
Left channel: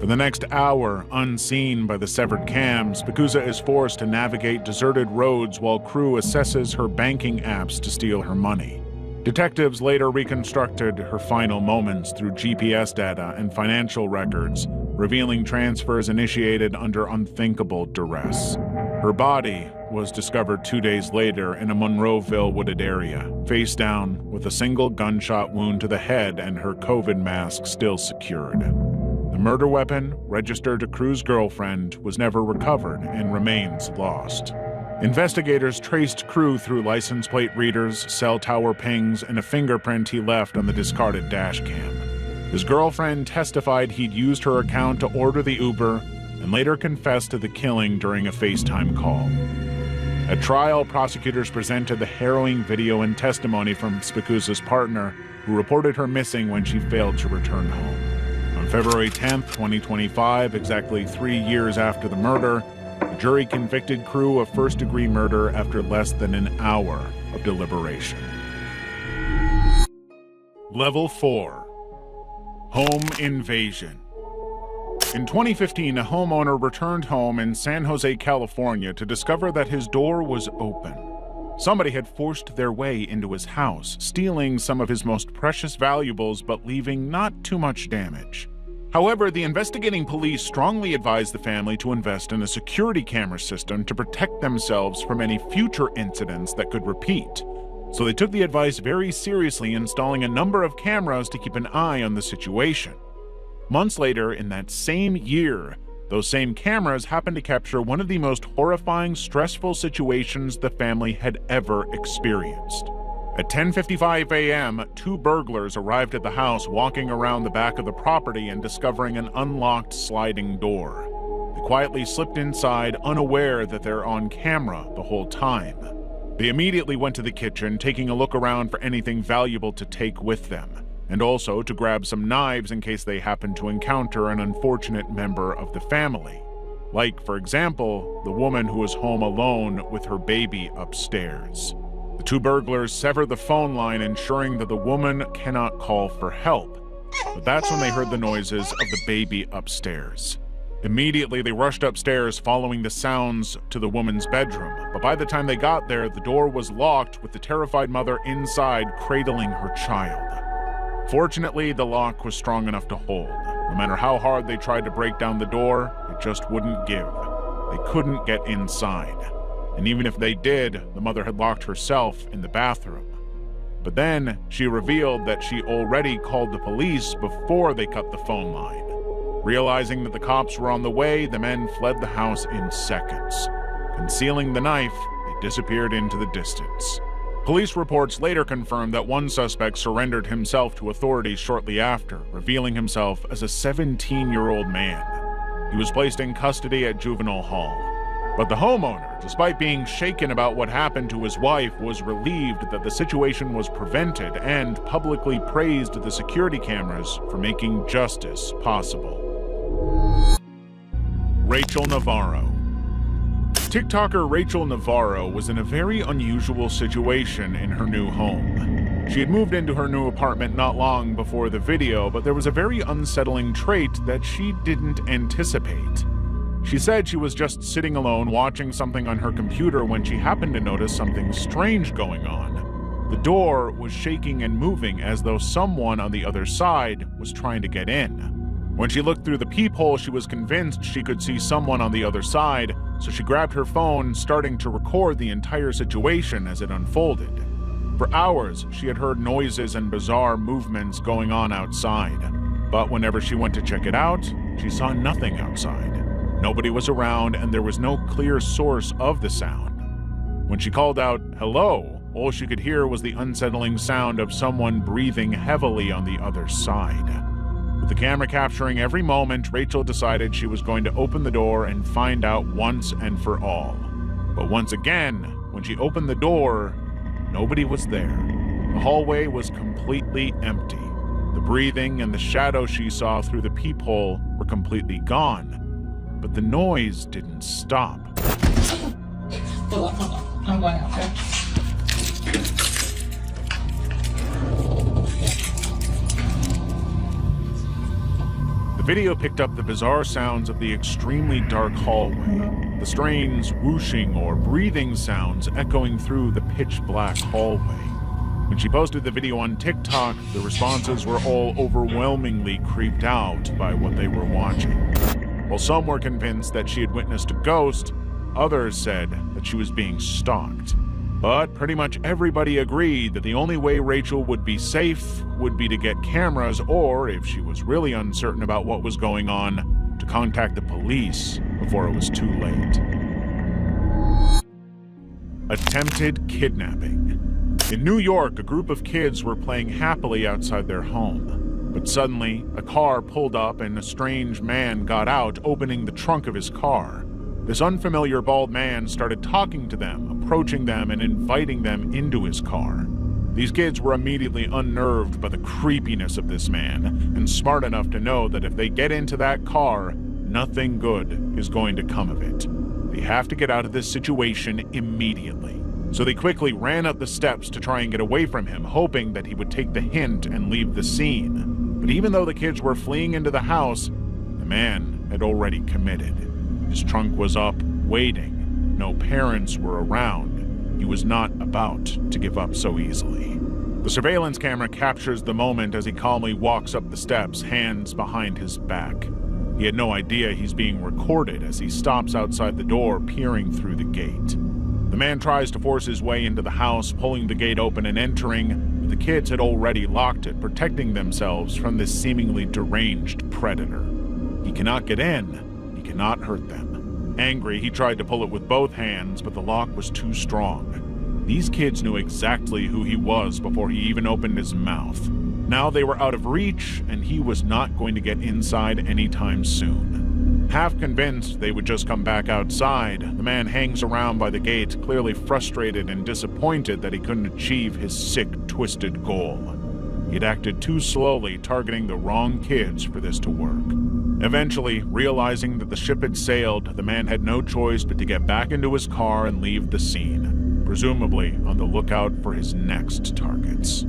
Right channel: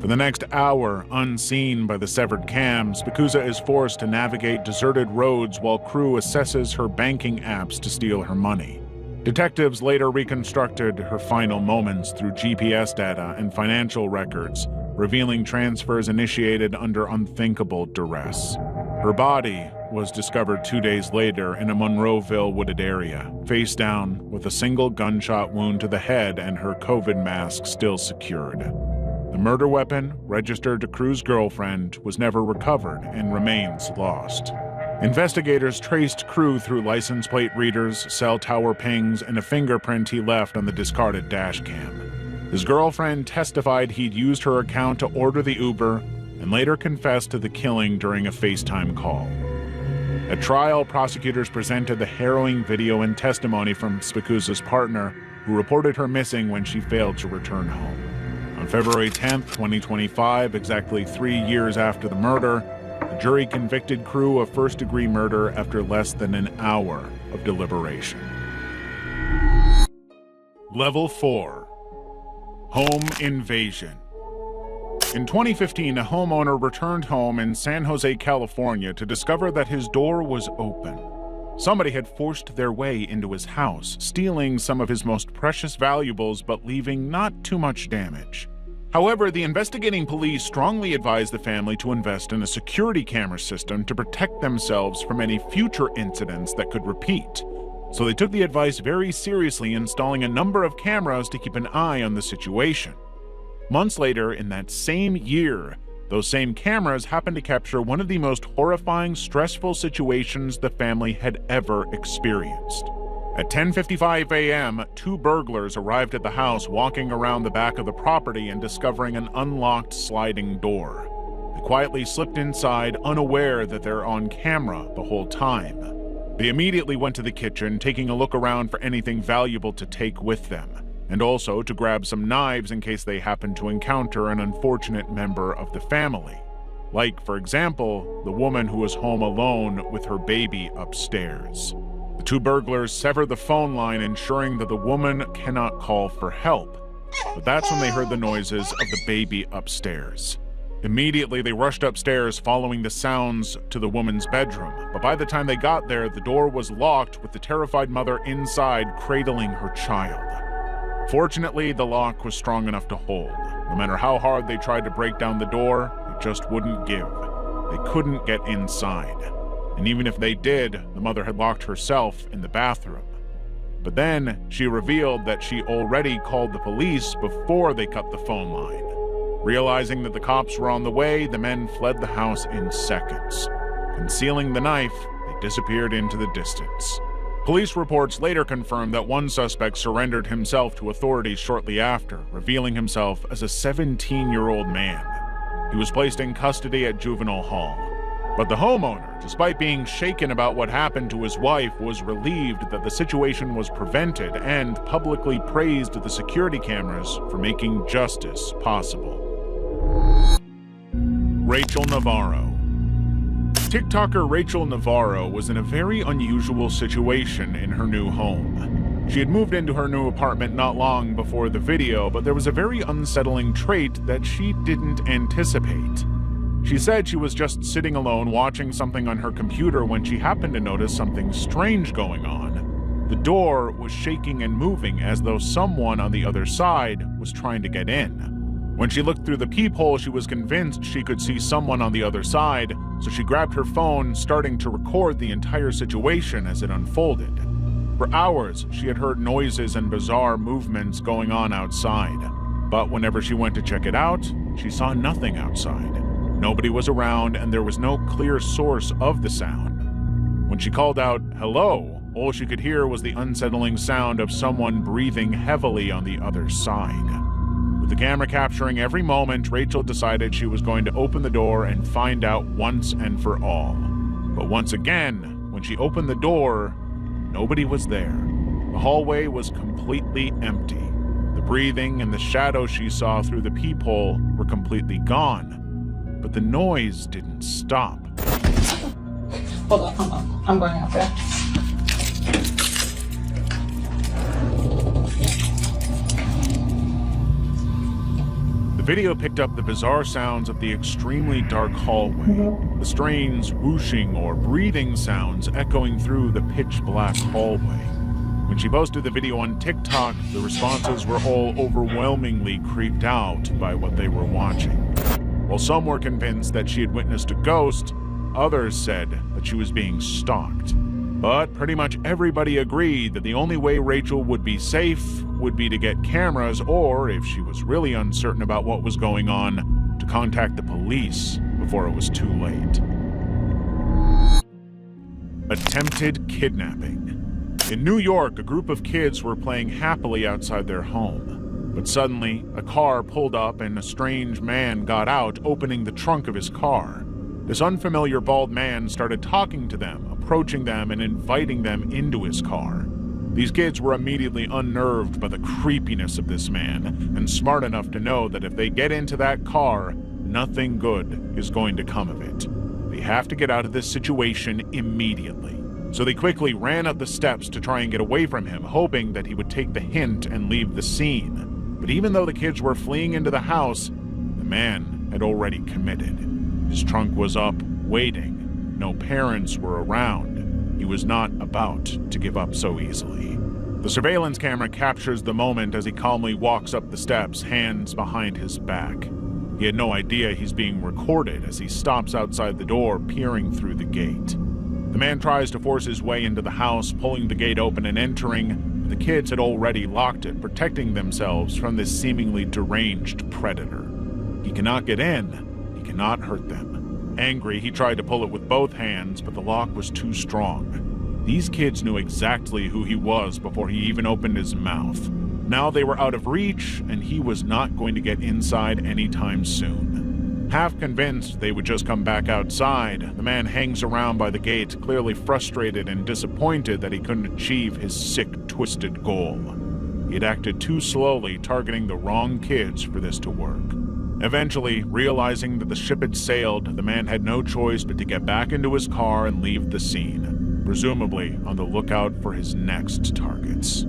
For the next hour, unseen by the severed cams, Spicuzza is forced to navigate deserted roads while Crew assesses her banking apps to steal her money. Detectives later reconstructed her final moments through GPS data and financial records, revealing transfers initiated under unthinkable duress. Her body was discovered 2 days later in a Monroeville wooded area, face down, with a single gunshot wound to the head and her COVID mask still secured. The murder weapon, registered to Crew's girlfriend, was never recovered and remains lost. Investigators traced Crew through license plate readers, cell tower pings, and a fingerprint he left on the discarded dashcam. His girlfriend testified he'd used her account to order the Uber and later confessed to the killing during a FaceTime call. At trial, prosecutors presented the harrowing video and testimony from Spicuzza's partner, who reported her missing when she failed to return home. On February 10th, 2025, exactly 3 years after the murder, the jury convicted Crew of first-degree murder after less than an hour of deliberation. Level 4. Home Invasion. In 2015, a homeowner returned home in San Jose, California to discover that his door was open. Somebody had forced their way into his house, stealing some of his most precious valuables but leaving not too much damage. However, the investigating police strongly advised the family to invest in a security camera system to protect themselves from any future incidents that could repeat. So they took the advice very seriously, installing a number of cameras to keep an eye on the situation. Months later, in that same year, those same cameras happened to capture one of the most horrifying, stressful situations the family had ever experienced. At 10:55 a.m., 2 burglars arrived at the house, walking around the back of the property and discovering an unlocked sliding door. They quietly slipped inside, unaware that they're on camera the whole time. They immediately went to the kitchen, taking a look around for anything valuable to take with them, and also to grab some knives in case they happened to encounter an unfortunate member of the family. Like, for example, the woman who was home alone with her baby upstairs. The 2 burglars sever the phone line, ensuring that the woman cannot call for help. But that's when they heard the noises of the baby upstairs. Immediately, they rushed upstairs, following the sounds to the woman's bedroom. But by the time they got there, the door was locked, with the terrified mother inside cradling her child. Fortunately, the lock was strong enough to hold. No matter how hard they tried to break down the door, it just wouldn't give. They couldn't get inside. And even if they did, the mother had locked herself in the bathroom. But then she revealed that she already called the police before they cut the phone line. Realizing that the cops were on the way, the men fled the house in seconds. Concealing the knife, it disappeared into the distance. Police reports later confirmed that one suspect surrendered himself to authorities shortly after, revealing himself as a 17-year-old man. He was placed in custody at juvenile hall. But the homeowner, despite being shaken about what happened to his wife, was relieved that the situation was prevented and publicly praised the security cameras for making justice possible. Rachel Navarro. TikToker Rachel Navarro was in a very unusual situation in her new home. She had moved into her new apartment not long before the video, but there was a very unsettling trait that she didn't anticipate. She said she was just sitting alone watching something on her computer when she happened to notice something strange going on. The door was shaking and moving as though someone on the other side was trying to get in. When she looked through the peephole, she was convinced she could see someone on the other side, so she grabbed her phone, starting to record the entire situation as it unfolded. For hours, she had heard noises and bizarre movements going on outside, but whenever she went to check it out, she saw nothing outside. Nobody was around, and there was no clear source of the sound. When she called out, "Hello," all she could hear was the unsettling sound of someone breathing heavily on the other side. With the camera capturing every moment, Rachel decided she was going to open the door and find out once and for all. But once again, when she opened the door, nobody was there. The hallway was completely empty. The breathing and the shadows she saw through the peephole were completely gone. But the noise didn't stop. Hold on. I'm going out there. The video picked up the bizarre sounds of the extremely dark hallway, the strange whooshing or breathing sounds echoing through the pitch-black hallway. When she posted the video on TikTok, the responses were all overwhelmingly creeped out by what they were watching. While some were convinced that she had witnessed a ghost, others said that she was being stalked. But pretty much everybody agreed that the only way Rachel would be safe would be to get cameras, or, if she was really uncertain about what was going on, to contact the police before it was too late. Attempted kidnapping. In New York, a group of kids were playing happily outside their home. But suddenly, a car pulled up and a strange man got out, opening the trunk of his car. This unfamiliar bald man started talking to them, approaching them and inviting them into his car. These kids were immediately unnerved by the creepiness of this man, and smart enough to know that if they get into that car, nothing good is going to come of it. They have to get out of this situation immediately. So they quickly ran up the steps to try and get away from him, hoping that he would take the hint and leave the scene. But even though the kids were fleeing into the house, the man had already committed. His trunk was up, waiting. No parents were around. He was not about to give up so easily. The surveillance camera captures the moment as he calmly walks up the steps, hands behind his back. He had no idea he's being recorded as he stops outside the door, peering through the gate. The man tries to force his way into the house, pulling the gate open and entering. The kids had already locked it, protecting themselves from this seemingly deranged predator. He cannot get in. He cannot hurt them. Angry, he tried to pull it with both hands, but the lock was too strong. These kids knew exactly who he was before he even opened his mouth. Now they were out of reach, and he was not going to get inside anytime soon. Half convinced they would just come back outside, the man hangs around by the gate, clearly frustrated and disappointed that he couldn't achieve his sick, twisted goal. He had acted too slowly, targeting the wrong kids for this to work. Eventually, realizing that the ship had sailed, the man had no choice but to get back into his car and leave the scene, presumably on the lookout for his next targets.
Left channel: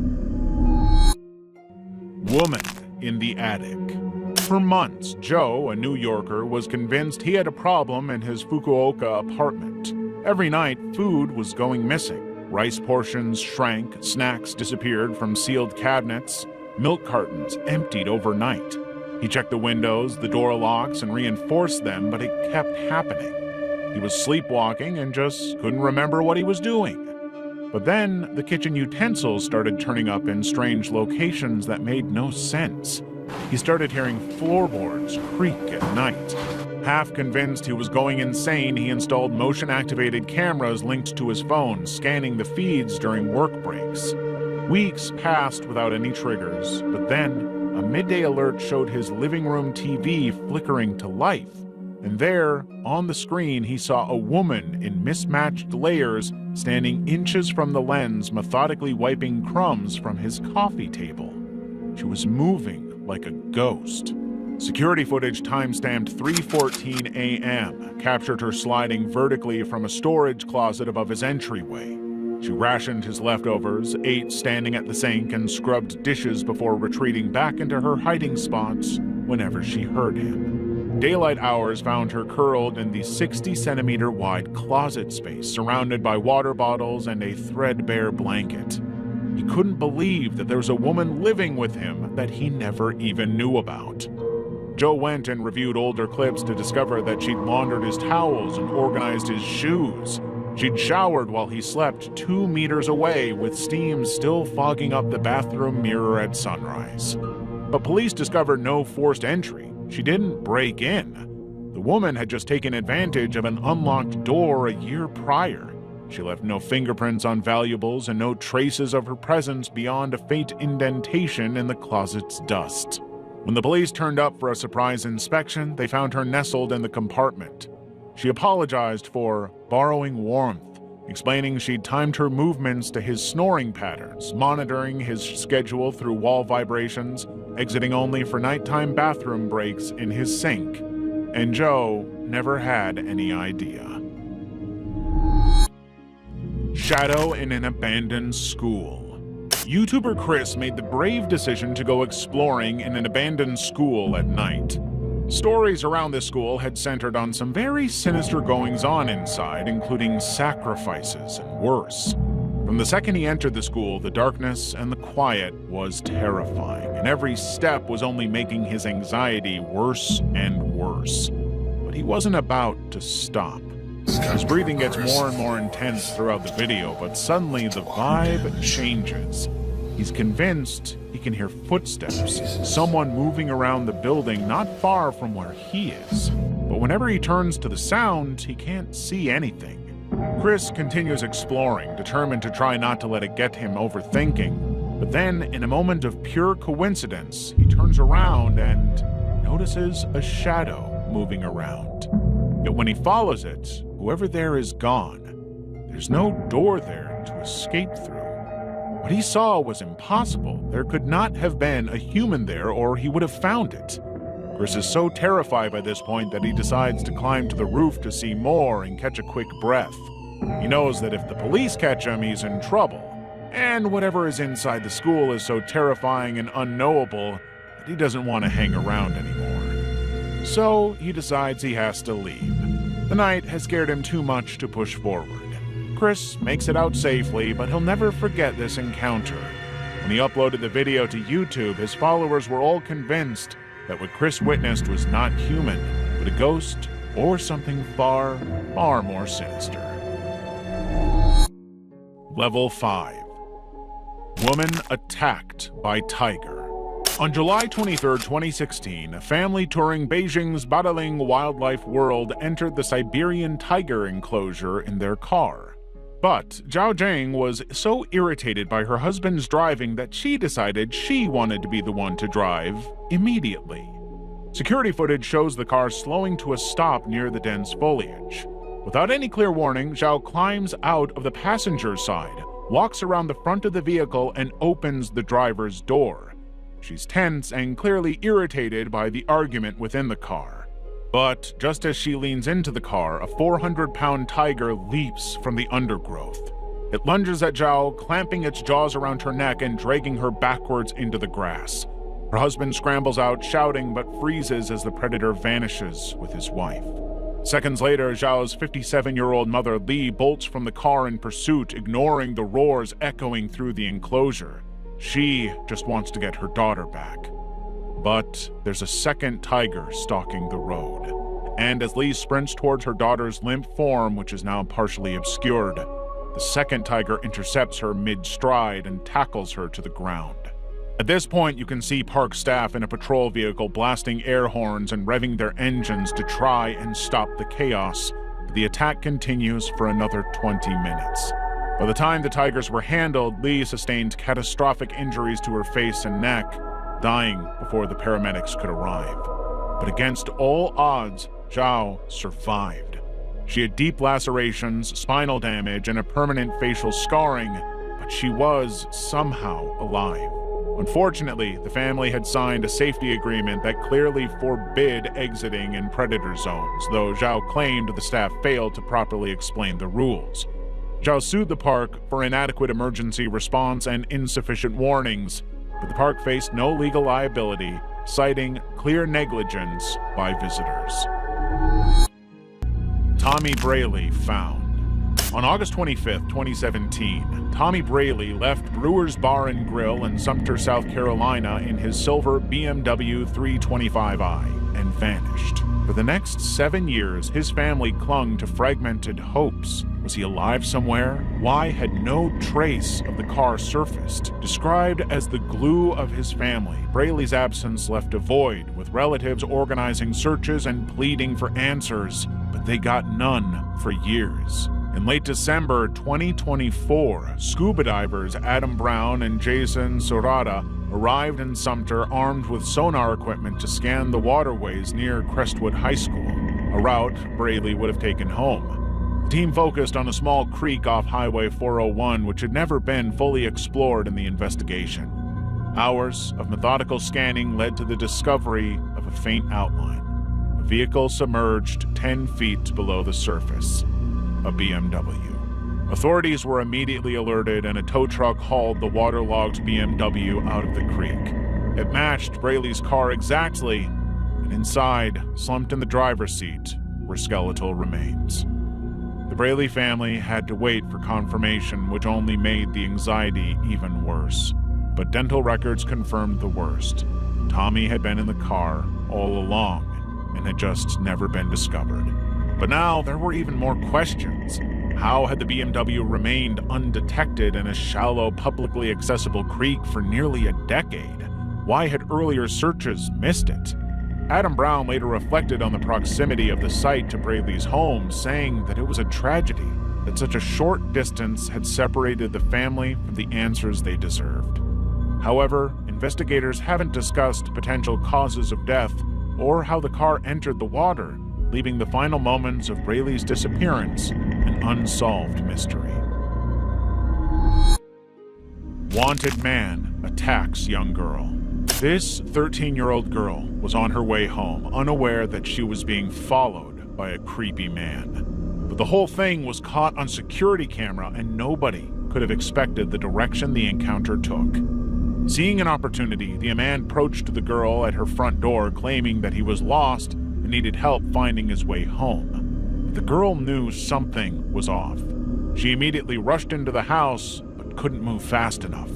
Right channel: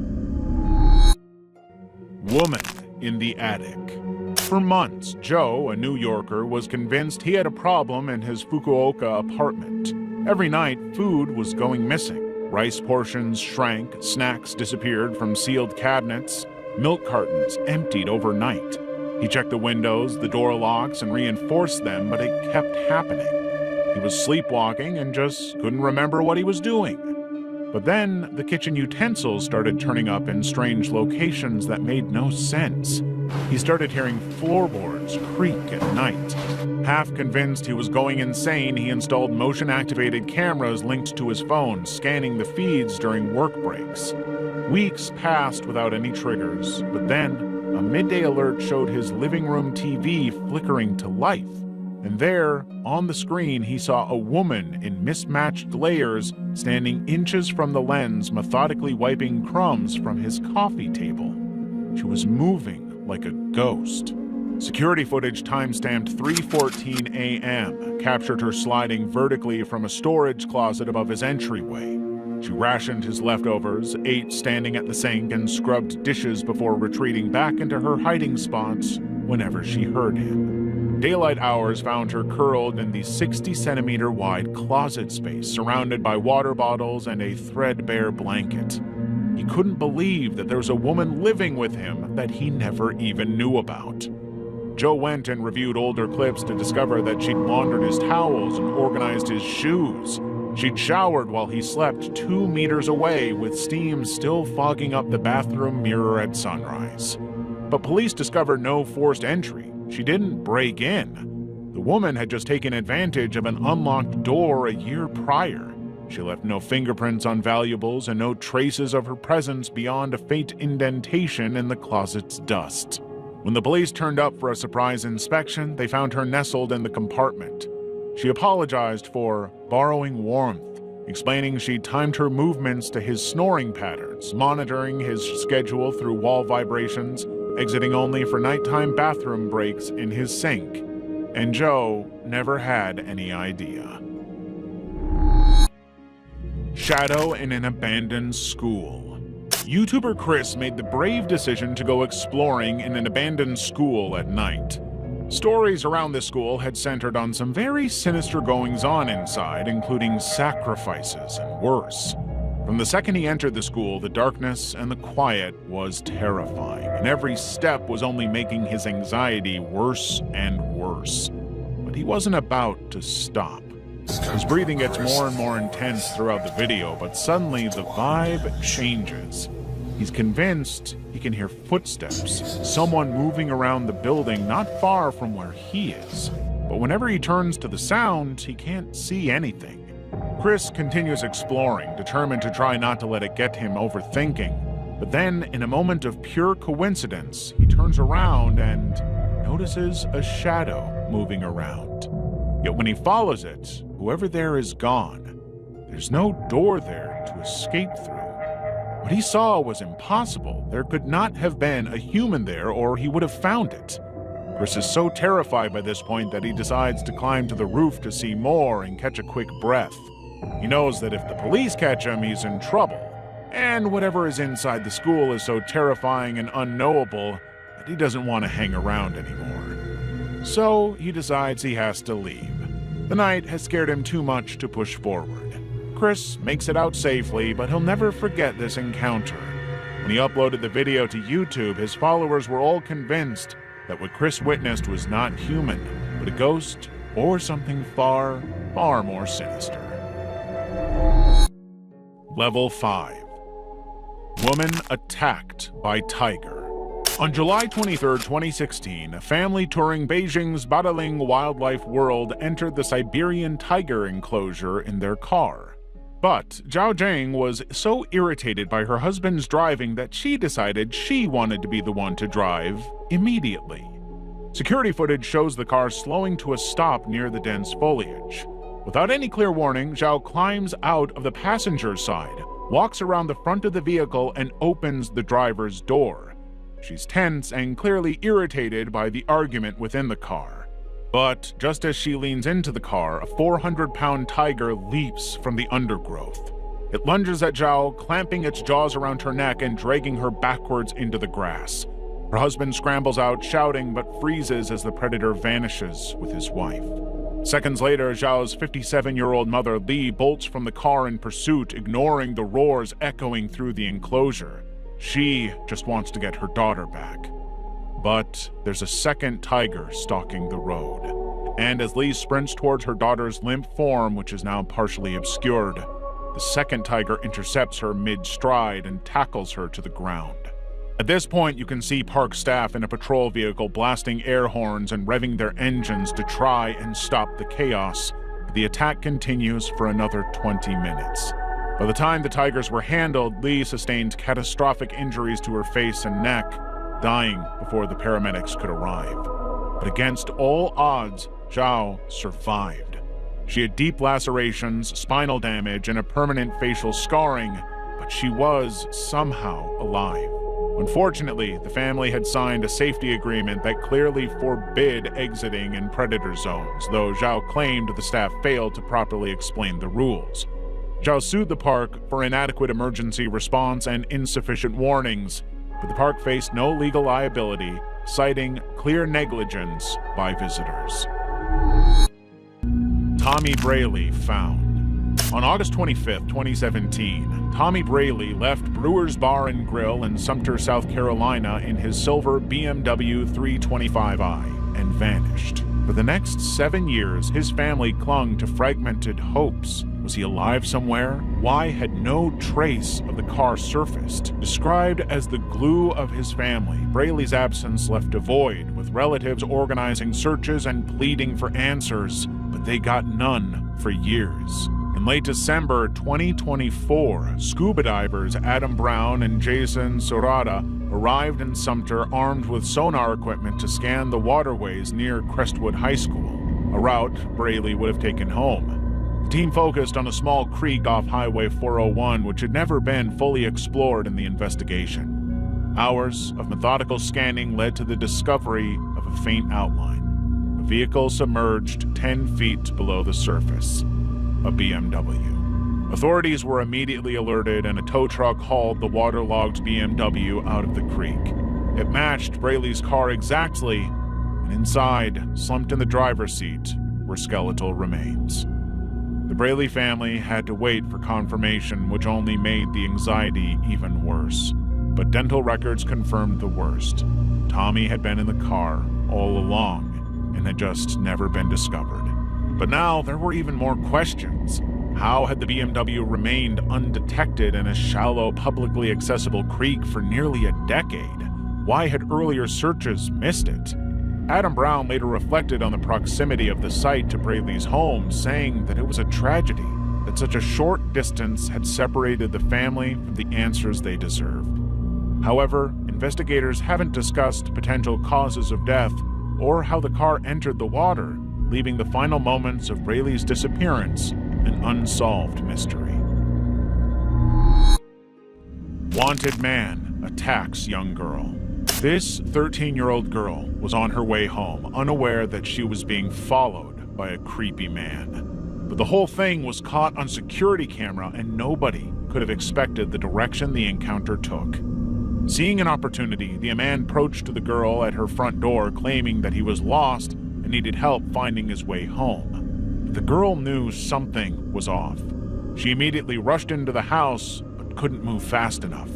Woman in the attic. For months, Joe, a New Yorker, was convinced he had a problem in his Fukuoka apartment. Every night, food was going missing. Rice portions shrank, snacks disappeared from sealed cabinets, milk cartons emptied overnight. He checked the windows, the door locks, and reinforced them, but it kept happening. He was sleepwalking and just couldn't remember what he was doing. But then, the kitchen utensils started turning up in strange locations that made no sense. He started hearing floorboards creak at night. Half convinced he was going insane, he installed motion-activated cameras linked to his phone, scanning the feeds during work breaks. Weeks passed without any triggers, but then a midday alert showed his living room TV flickering to life. And there, on the screen, he saw a woman in mismatched layers standing inches from the lens, methodically wiping crumbs from his coffee table. She was moving like a ghost. Security footage timestamped 3:14 a.m. captured her sliding vertically from a storage closet above his entryway. She rationed his leftovers, ate standing at the sink, and scrubbed dishes before retreating back into her hiding spots whenever she heard him. Daylight hours found her curled in the 60-centimeter wide closet space, surrounded by water bottles and a threadbare blanket. He couldn't believe that there's a woman living with him that he never even knew about. Joe went and reviewed older clips to discover that she'd laundered his towels and organized his shoes. She'd showered while he slept 2 meters away, with steam still fogging up the bathroom mirror at sunrise. But police discovered no forced entry. She didn't break in. The woman had just taken advantage of an unlocked door a year prior. She left no fingerprints on valuables and no traces of her presence beyond a faint indentation in the closet's dust. When the police turned up for a surprise inspection, they found her nestled in the compartment. She apologized for borrowing warmth, explaining she timed her movements to his snoring patterns, monitoring his schedule through wall vibrations, exiting only for nighttime bathroom breaks in his sink. And Joe never had any idea. Shadow in an abandoned school. YouTuber Chris made the brave decision to go exploring in an abandoned school at night. Stories around the school had centered on some very sinister goings-on inside, including sacrifices and worse. From the second he entered the school, the darkness and the quiet was terrifying, and every step was only making his anxiety worse and worse. But he wasn't about to stop. His breathing gets more and more intense throughout the video, but suddenly the vibe changes. He's convinced he can hear footsteps, someone moving around the building not far from where he is. But whenever he turns to the sound, he can't see anything. Chris continues exploring, determined to try not to let it get him overthinking. But then, in a moment of pure coincidence, he turns around and notices a shadow moving around. Yet when he follows it, whoever there is gone. There's no door there to escape through. What he saw was impossible. There could not have been a human there, or he would have found it. Chris is so terrified by this point that he decides to climb to the roof to see more and catch a quick breath. He knows that if the police catch him, he's in trouble. And whatever is inside the school is so terrifying and unknowable that he doesn't want to hang around anymore. So he decides he has to leave. The night has scared him too much to push forward. Chris makes it out safely, but he'll never forget this encounter. When he uploaded the video to YouTube, his followers were all convinced that what Chris witnessed was not human, but a ghost or something far, far more sinister. Level 5. Woman attacked by tiger. On July 23, 2016, a family touring Beijing's Badaling Wildlife World entered the Siberian tiger enclosure in their car. But Zhao Zhang was so irritated by her husband's driving that she decided she wanted to be the one to drive immediately. Security footage shows the car slowing to a stop near the dense foliage. Without any clear warning, Zhao climbs out of the passenger side, walks around the front of the vehicle, and opens the driver's door. She's tense and clearly irritated by the argument within the car. But just as she leans into the car, a 400-pound tiger leaps from the undergrowth. It lunges at Zhao, clamping its jaws around her neck and dragging her backwards into the grass. Her husband scrambles out, shouting, but freezes as the predator vanishes with his wife. Seconds later, Zhao's 57-year-old mother, Li, bolts from the car in pursuit, ignoring the roars echoing through the enclosure. She just wants to get her daughter back. But there's a second tiger stalking the road. And as Li sprints towards her daughter's limp form, which is now partially obscured, the second tiger intercepts her mid-stride and tackles her to the ground. At this point, you can see park staff in a patrol vehicle blasting air horns and revving their engines to try and stop the chaos. But the attack continues for another 20 minutes. By the time the tigers were handled, Li sustained catastrophic injuries to her face and neck, dying before the paramedics could arrive. But against all odds, Zhao survived. She had deep lacerations, spinal damage, and a permanent facial scarring, but she was somehow alive. Unfortunately, the family had signed a safety agreement that clearly forbid exiting in predator zones, though Zhao claimed the staff failed to properly explain the rules. Zhao sued the park for inadequate emergency response and insufficient warnings, but the park faced no legal liability, citing clear negligence by visitors. Tommy Braley found. On August 25, 2017, Tommy Braley left Brewer's Bar and Grill in Sumter, South Carolina in his silver BMW 325i and vanished. For the next 7 years, his family clung to fragmented hopes. Was he alive somewhere? Why had no trace of the car surfaced? Described as the glue of his family, Braley's absence left a void, with relatives organizing searches and pleading for answers, but they got none for years. In late December 2024, scuba divers Adam Brown and Jason Surata arrived in Sumter armed with sonar equipment to scan the waterways near Crestwood High School, a route Braley would have taken home. The team focused on a small creek off Highway 401, which had never been fully explored in the investigation. Hours of methodical scanning led to the discovery of a faint outline. A vehicle submerged 10 feet below the surface. A BMW. Authorities were immediately alerted, and a tow truck hauled the waterlogged BMW out of the creek. It matched Braley's car exactly, and inside, slumped in the driver's seat, were skeletal remains. The Braley family had to wait for confirmation, which only made the anxiety even worse. But dental records confirmed the worst. Tommy had been in the car all along, and had just never been discovered. But now there were even more questions. How had the BMW remained undetected in a shallow, publicly accessible creek for nearly a decade? Why had earlier searches missed it? Adam Brown later reflected on the proximity of the site to Braley's home, saying that it was a tragedy that such a short distance had separated the family from the answers they deserved. However, investigators haven't discussed potential causes of death or how the car entered the water, leaving the final moments of Braley's disappearance an unsolved mystery. Wanted man attacks young girl. This 13-year-old girl was on her way home, unaware that she was being followed by a creepy man. But the whole thing was caught on security camera, and nobody could have expected the direction the encounter took. Seeing an opportunity, the man approached the girl at her front door, claiming that he was lost and needed help finding his way home. But the girl knew something was off. She immediately rushed into the house, but couldn't move fast enough.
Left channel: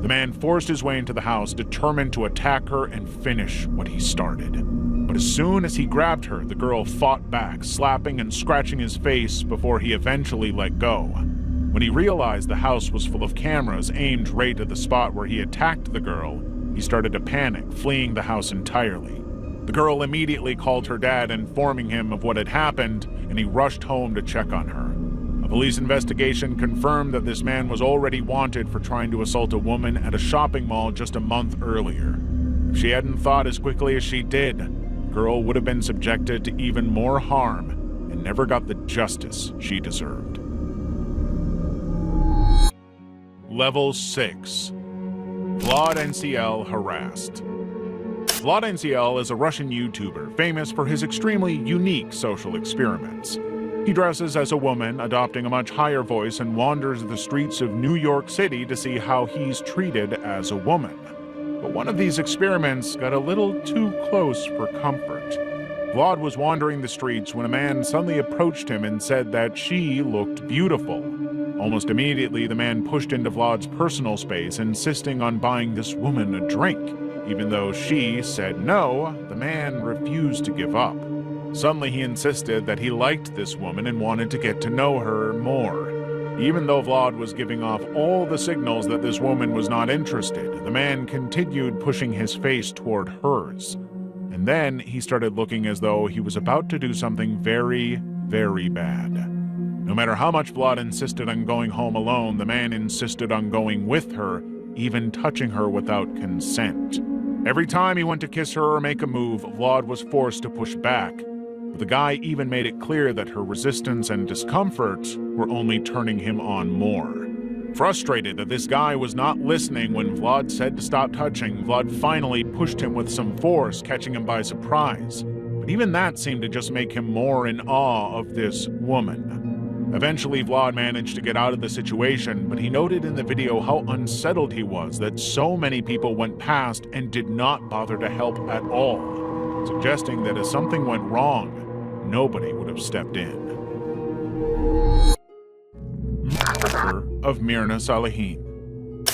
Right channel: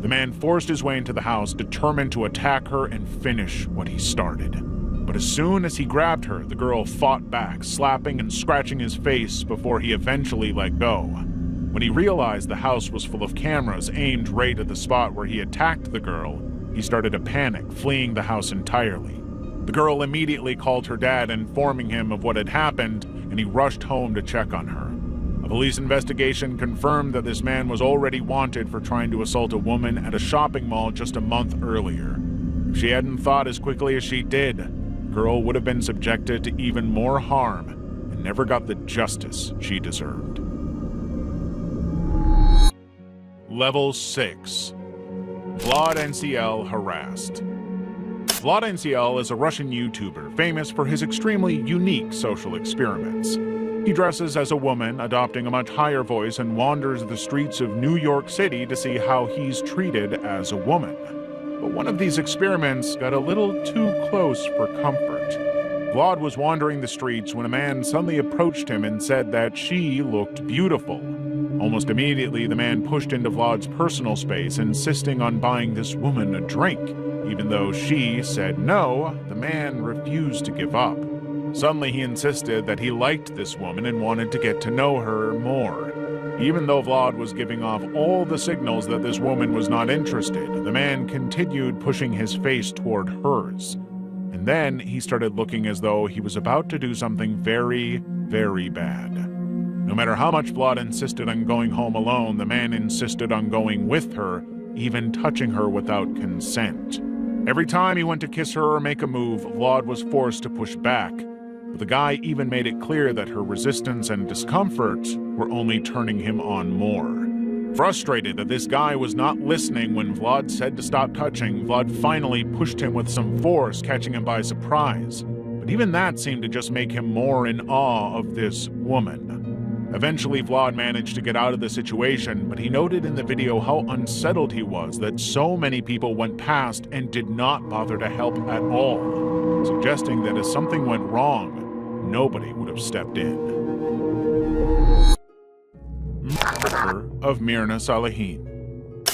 The man forced his way into the house, determined to attack her and finish what he started. But as soon as he grabbed her, the girl fought back, slapping and scratching his face before he eventually let go. When he realized the house was full of cameras aimed right at the spot where he attacked the girl, he started to panic, fleeing the house entirely. The girl immediately called her dad, informing him of what had happened, and he rushed home to check on her. A police investigation confirmed that this man was already wanted for trying to assault a woman at a shopping mall just a month earlier. If she hadn't thought as quickly as she did, the girl would have been subjected to even more harm and never got the justice she deserved. Level 6. Vlad NCL harassed. Vlad NCL is a Russian YouTuber famous for his extremely unique social experiments. He dresses as a woman, adopting a much higher voice, and wanders the streets of New York City to see how he's treated as a woman. But one of these experiments got a little too close for comfort. Vlad was wandering the streets when a man suddenly approached him and said that she looked beautiful. Almost immediately, the man pushed into Vlad's personal space, insisting on buying this woman a drink. Even though she said no, the man refused to give up. Suddenly, he insisted that he liked this woman and wanted to get to know her more. Even though Vlad was giving off all the signals that this woman was not interested, the man continued pushing his face toward hers. And then he started looking as though he was about to do something very, very bad. No matter how much Vlad insisted on going home alone, the man insisted on going with her, even touching her without consent. Every time he went to kiss her or make a move, Vlad was forced to push back. But the guy even made it clear that her resistance and discomfort were only turning him on more. Frustrated that this guy was not listening when Vlad said to stop touching, Vlad finally pushed him with some force, catching him by surprise. But even that seemed to just make him more in awe of this woman. Eventually, Vlad managed to get out of the situation, but he noted in the video how unsettled he was that so many people went past and did not bother to help at all, suggesting that if something went wrong, nobody would have stepped in. Murder of Myrna Salehin.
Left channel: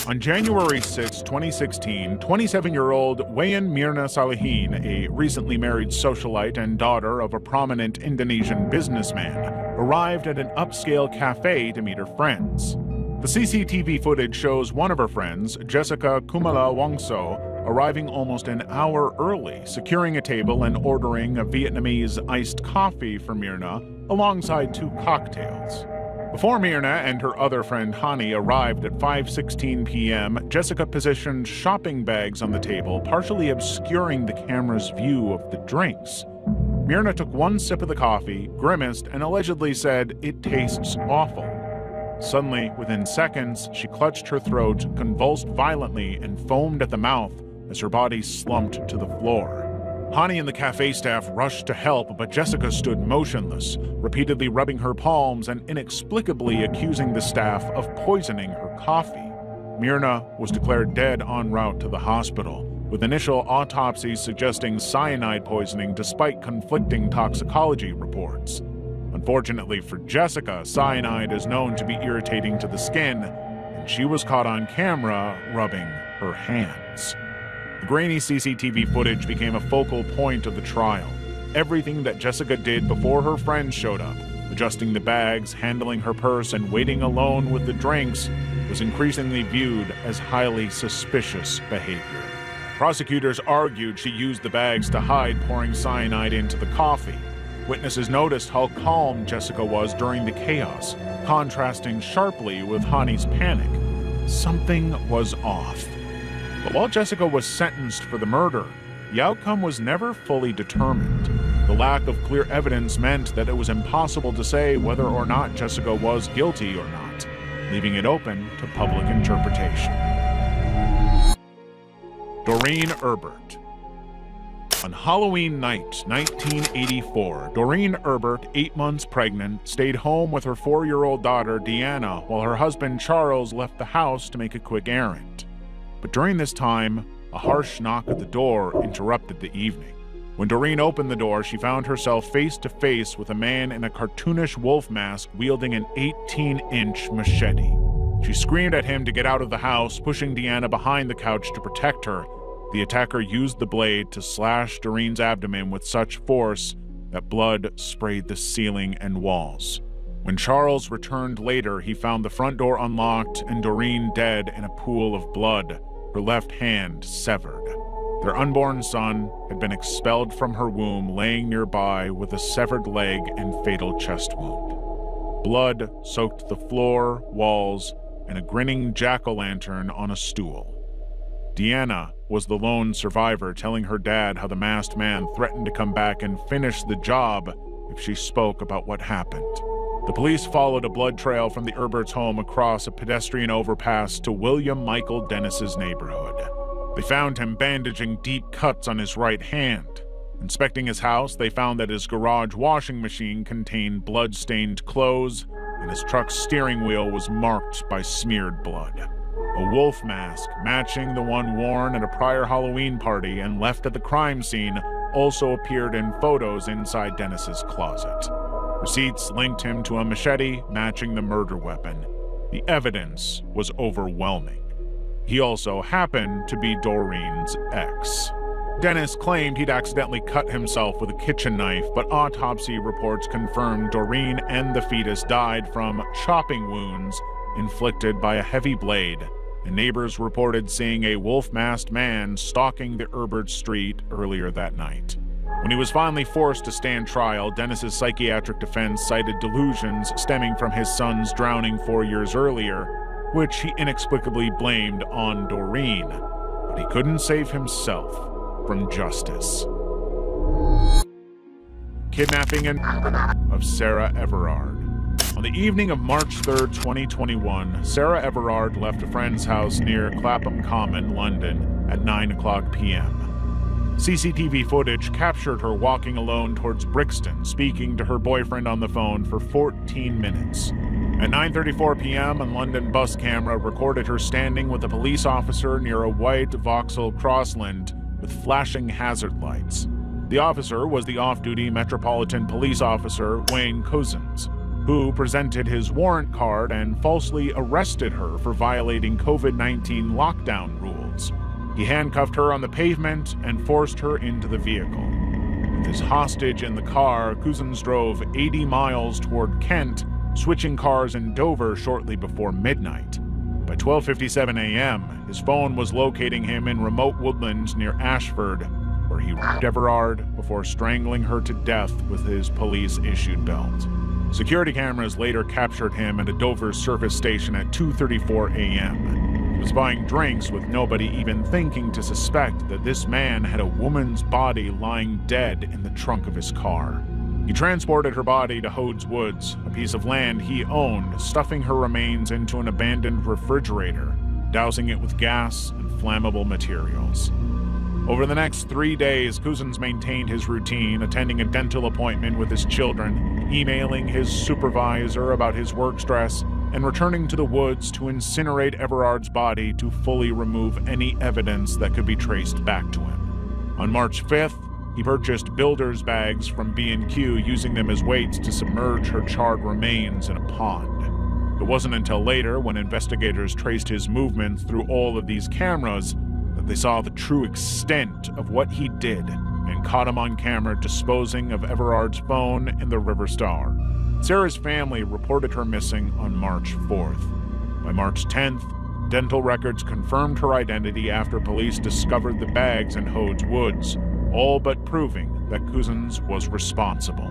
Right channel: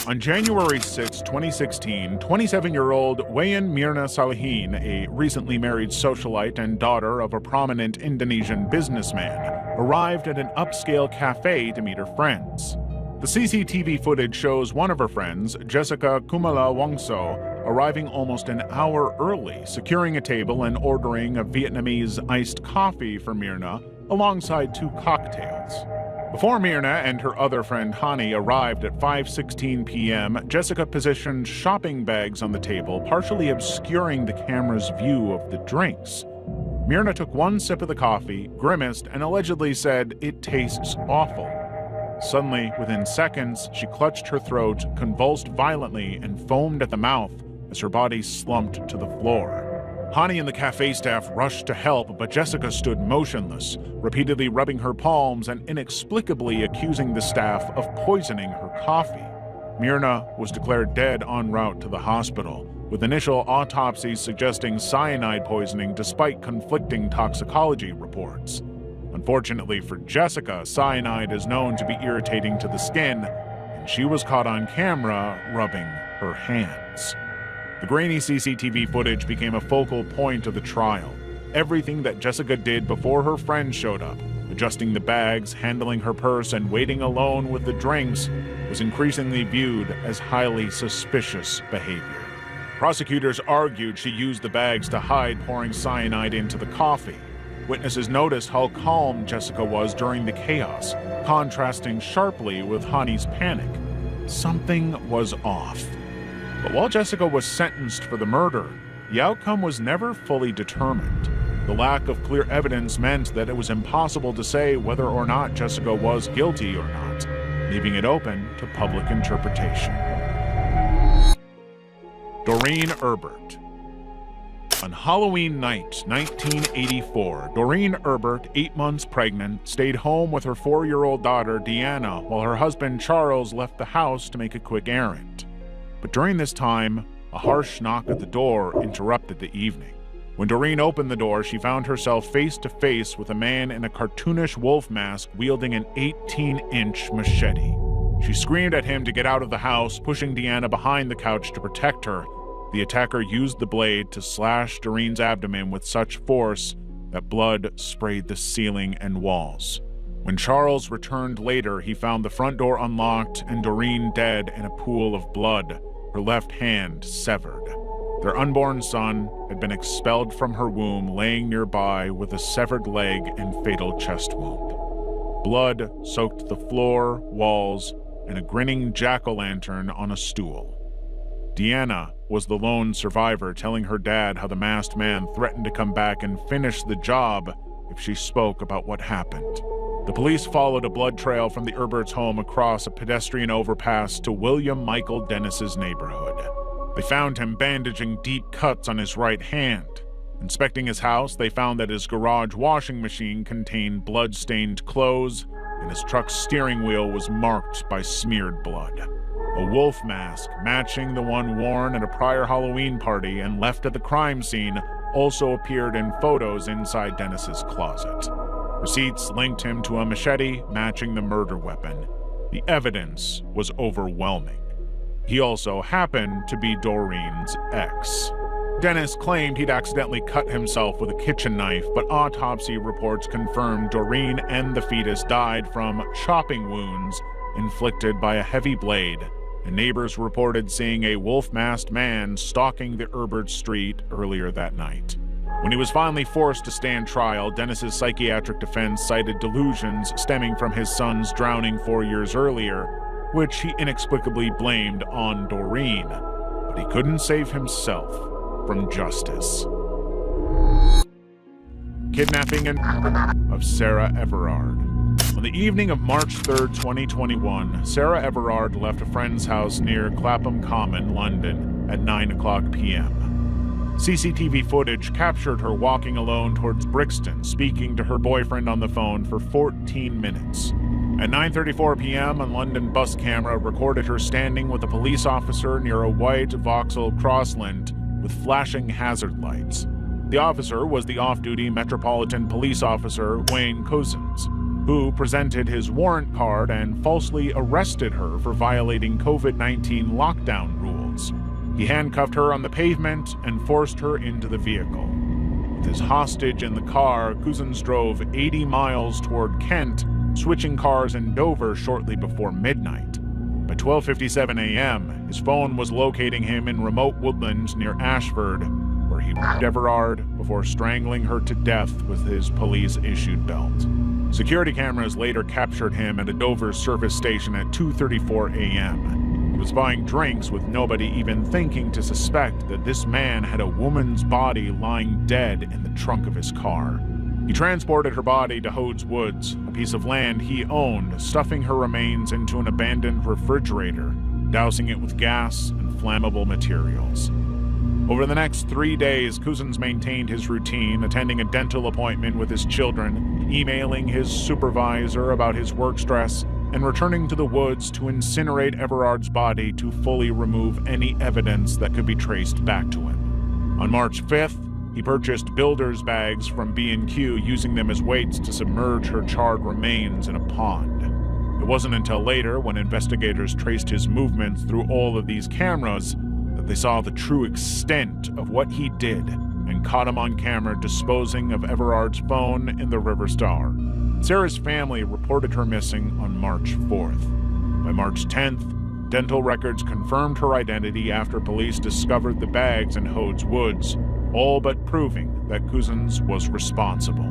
On January 6, 2016, 27-year-old Wayan Myrna Salehin, a recently married socialite and daughter of a prominent Indonesian businessman, arrived at an upscale cafe to meet her friends. The CCTV footage shows one of her friends, Jessica Kumala Wongso, arriving almost an hour early, securing a table and ordering a Vietnamese iced coffee for Myrna, alongside 2 cocktails. Before Myrna and her other friend Hani arrived at 5:16 p.m., Jessica positioned shopping bags on the table, partially obscuring the camera's view of the drinks. Myrna took one sip of the coffee, grimaced, and allegedly said, "It tastes awful." Suddenly, within seconds, she clutched her throat, convulsed violently, and foamed at the mouth as her body slumped to the floor. Hani and the cafe staff rushed to help, but Jessica stood motionless, repeatedly rubbing her palms and inexplicably accusing the staff of poisoning her coffee. Myrna was declared dead en route to the hospital, with initial autopsies suggesting cyanide poisoning despite conflicting toxicology reports. Unfortunately for Jessica, cyanide is known to be irritating to the skin, and she was caught on camera rubbing her hands. The grainy CCTV footage became a focal point of the trial. Everything that Jessica did before her friends showed up, adjusting the bags, handling her purse, and waiting alone with the drinks, was increasingly viewed as highly suspicious behavior. Prosecutors argued she used the bags to hide pouring cyanide into the coffee. Witnesses noticed how calm Jessica was during the chaos, contrasting sharply with Hani's panic. Something was off. But while Jessica was sentenced for the murder, the outcome was never fully determined. The lack of clear evidence meant that it was impossible to say whether or not Jessica was guilty or not, leaving it open to public interpretation. Doreen Erbert. On Halloween night, 1984, Doreen Erbert, 8 months pregnant, stayed home with her 4-year-old daughter, Deanna, while her husband, Charles, left the house to make a quick errand. But during this time, a harsh knock at the door interrupted the evening. When Doreen opened the door, she found herself face to face with a man in a cartoonish wolf mask wielding an 18-inch machete. She screamed at him to get out of the house, pushing Deanna behind the couch to protect her. The attacker used the blade to slash Doreen's abdomen with such force that blood sprayed the ceiling and walls. When Charles returned later, he found the front door unlocked and Doreen dead in a pool of blood, her left hand severed. Their unborn son had been expelled from her womb, laying nearby with a severed leg and fatal chest wound. Blood soaked the floor, walls, and a grinning jack-o'-lantern on a stool. Deanna was the lone survivor, telling her dad how the masked man threatened to come back and finish the job if she spoke about what happened. The police followed a blood trail from the Herberts' home across a pedestrian overpass to William Michael Dennis's neighborhood. They found him bandaging deep cuts on his right hand. Inspecting his house, they found that his garage washing machine contained blood-stained clothes, and his truck's steering wheel was marked by smeared blood. A wolf mask, matching the one worn at a prior Halloween party and left at the crime scene, also appeared in photos inside Dennis's closet. Receipts linked him to a machete matching the murder weapon. The evidence was overwhelming. He also happened to be Doreen's ex. Dennis claimed he'd accidentally cut himself with a kitchen knife, but autopsy reports confirmed Doreen and the fetus died from chopping wounds inflicted by a heavy blade, and neighbors reported seeing a wolf-masked man stalking the Herbert Street earlier that night. When he was finally forced to stand trial, Dennis's psychiatric defense cited delusions stemming from his son's drowning 4 years earlier, which he inexplicably blamed on Doreen, but he couldn't save himself from justice. Kidnapping and murder of Sarah Everard. On the evening of March 3, 2021, Sarah Everard left a friend's house near Clapham Common, London, at 9:00 p.m. CCTV footage captured her walking alone towards Brixton, speaking to her boyfriend on the phone for 14 minutes. At 9:34 p.m., a London bus camera recorded her standing with a police officer near a white Vauxhall Crossland with flashing hazard lights. The officer was the off-duty Metropolitan Police Officer Wayne Cousins, who presented his warrant card and falsely arrested her for violating COVID-19 lockdown rules. He handcuffed her on the pavement and forced her into the vehicle. With his hostage in the car, Cousins drove 80 miles toward Kent, switching cars in Dover shortly before midnight. By 12:57 a.m., his phone was locating him in remote woodlands near Ashford, where he raped Everard before strangling her to death with his police-issued belt. Security cameras later captured him at a Dover service station at 2:34 a.m. He was buying drinks with nobody even thinking to suspect that this man had a woman's body lying dead in the trunk of his car. He transported her body to Hodes Woods, a piece of land he owned, stuffing her remains into an abandoned refrigerator, dousing it with gas and flammable materials. Over the next 3 days, Cousins maintained his routine, attending a dental appointment with his children, emailing his supervisor about his work stress, and returning to the woods to incinerate Everard's body to fully remove any evidence that could be traced back to him. On March 5th, he purchased builder's bags from B&Q, using them as weights to submerge her charred remains in a pond. It wasn't until later, when investigators traced his movements through all of these cameras, that they saw the true extent of what he did and caught him on camera disposing of Everard's phone in the River Star. Sarah's family reported her missing on March 4th. By March 10th, dental records confirmed her identity after police discovered the bags in Hodes Woods, all but proving that Cousins was responsible.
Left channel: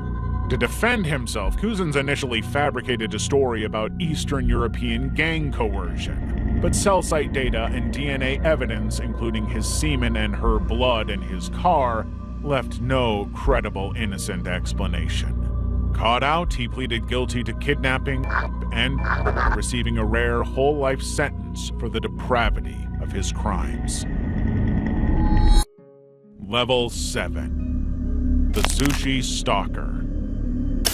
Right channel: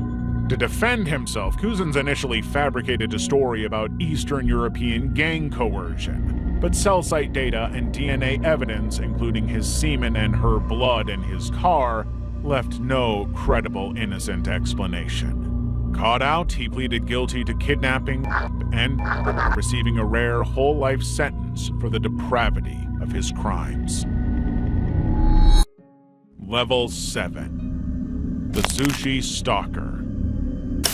To defend himself, Cousins initially fabricated a story about Eastern European gang coercion, but cell site data and DNA evidence, including his semen and her blood in his car, left no credible innocent explanation. Caught out, he pleaded guilty to kidnapping and receiving a rare whole-life sentence for the depravity of his crimes. Level 7. The Zushi Stalker.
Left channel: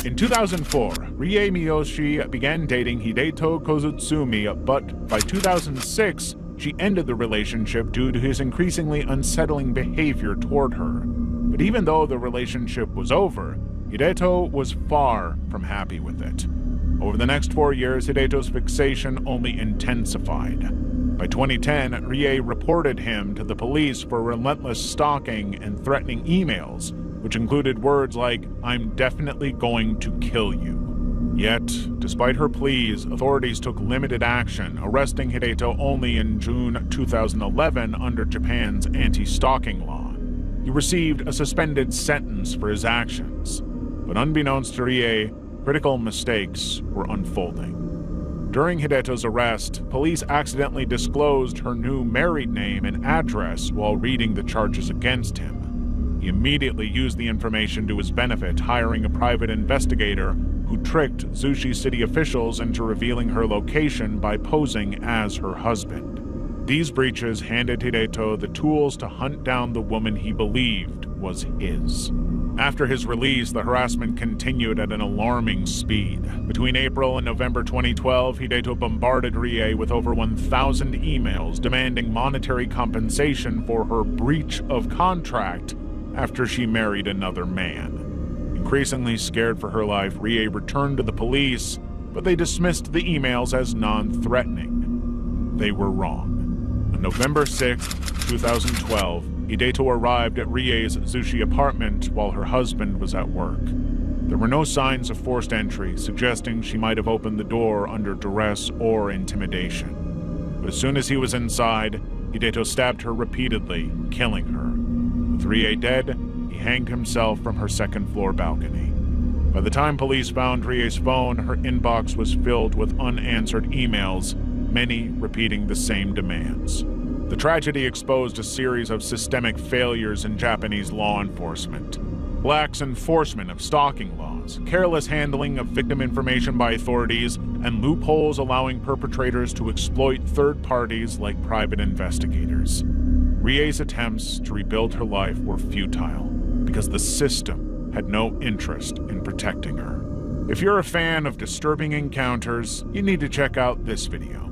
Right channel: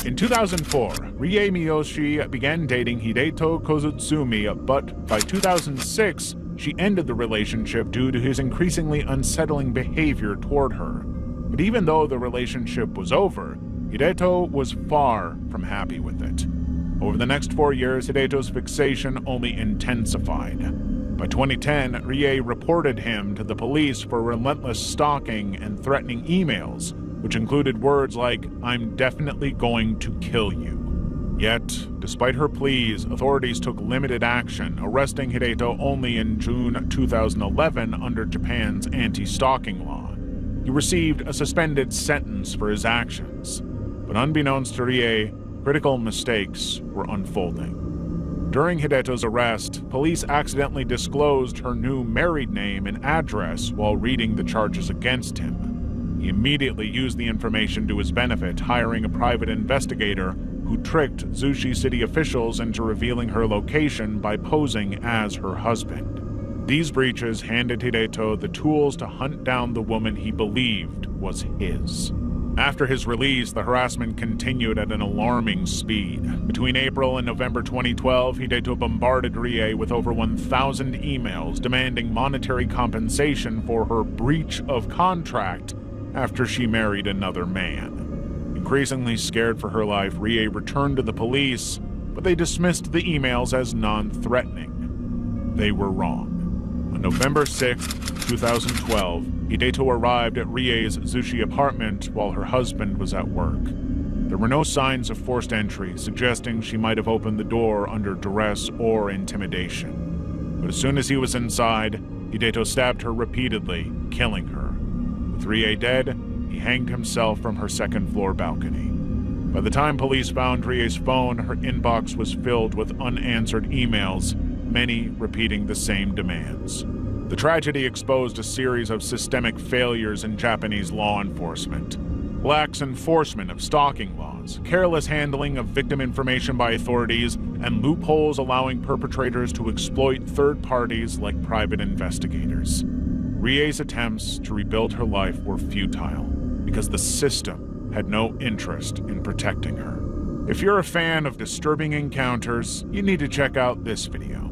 In 2004, Rie Miyoshi began dating Hideto Kozutsumi, but by 2006, she ended the relationship due to his increasingly unsettling behavior toward her. But even though the relationship was over, Hideto was far from happy with it. Over the next 4 years, Hideto's fixation only intensified. By 2010, Rie reported him to the police for relentless stalking and threatening emails, which included words like, "I'm definitely going to kill you." Yet, despite her pleas, authorities took limited action, arresting Hideto only in June 2011 under Japan's anti-stalking law. He received a suspended sentence for his actions, but unbeknownst to Rie, critical mistakes were unfolding. During Hideto's arrest, police accidentally disclosed her new married name and address while reading the charges against him. He immediately used the information to his benefit, hiring a private investigator who tricked Zushi city officials into revealing her location by posing as her husband. These breaches handed Hideto the tools to hunt down the woman he believed was his. After his release, the harassment continued at an alarming speed. Between April and November 2012, Hideto bombarded Rie with over 1,000 emails demanding monetary compensation for her breach of contract after she married another man. Increasingly scared for her life, Rie returned to the police, but they dismissed the emails as non-threatening. They were wrong. On November 6, 2012, Hideto arrived at Rie's Zushi apartment while her husband was at work. There were no signs of forced entry, suggesting she might have opened the door under duress or intimidation. But as soon as he was inside, Hideto stabbed her repeatedly, killing her. With Rie dead, he hanged himself from her second-floor balcony. By the time police found Rie's phone, her inbox was filled with unanswered emails, many repeating the same demands. The tragedy exposed a series of systemic failures in Japanese law enforcement. Lax enforcement of stalking laws, careless handling of victim information by authorities, and loopholes allowing perpetrators to exploit third parties like private investigators. Rie's attempts to rebuild her life were futile because the system had no interest in protecting her. If you're a fan of disturbing encounters, you need to check out this video.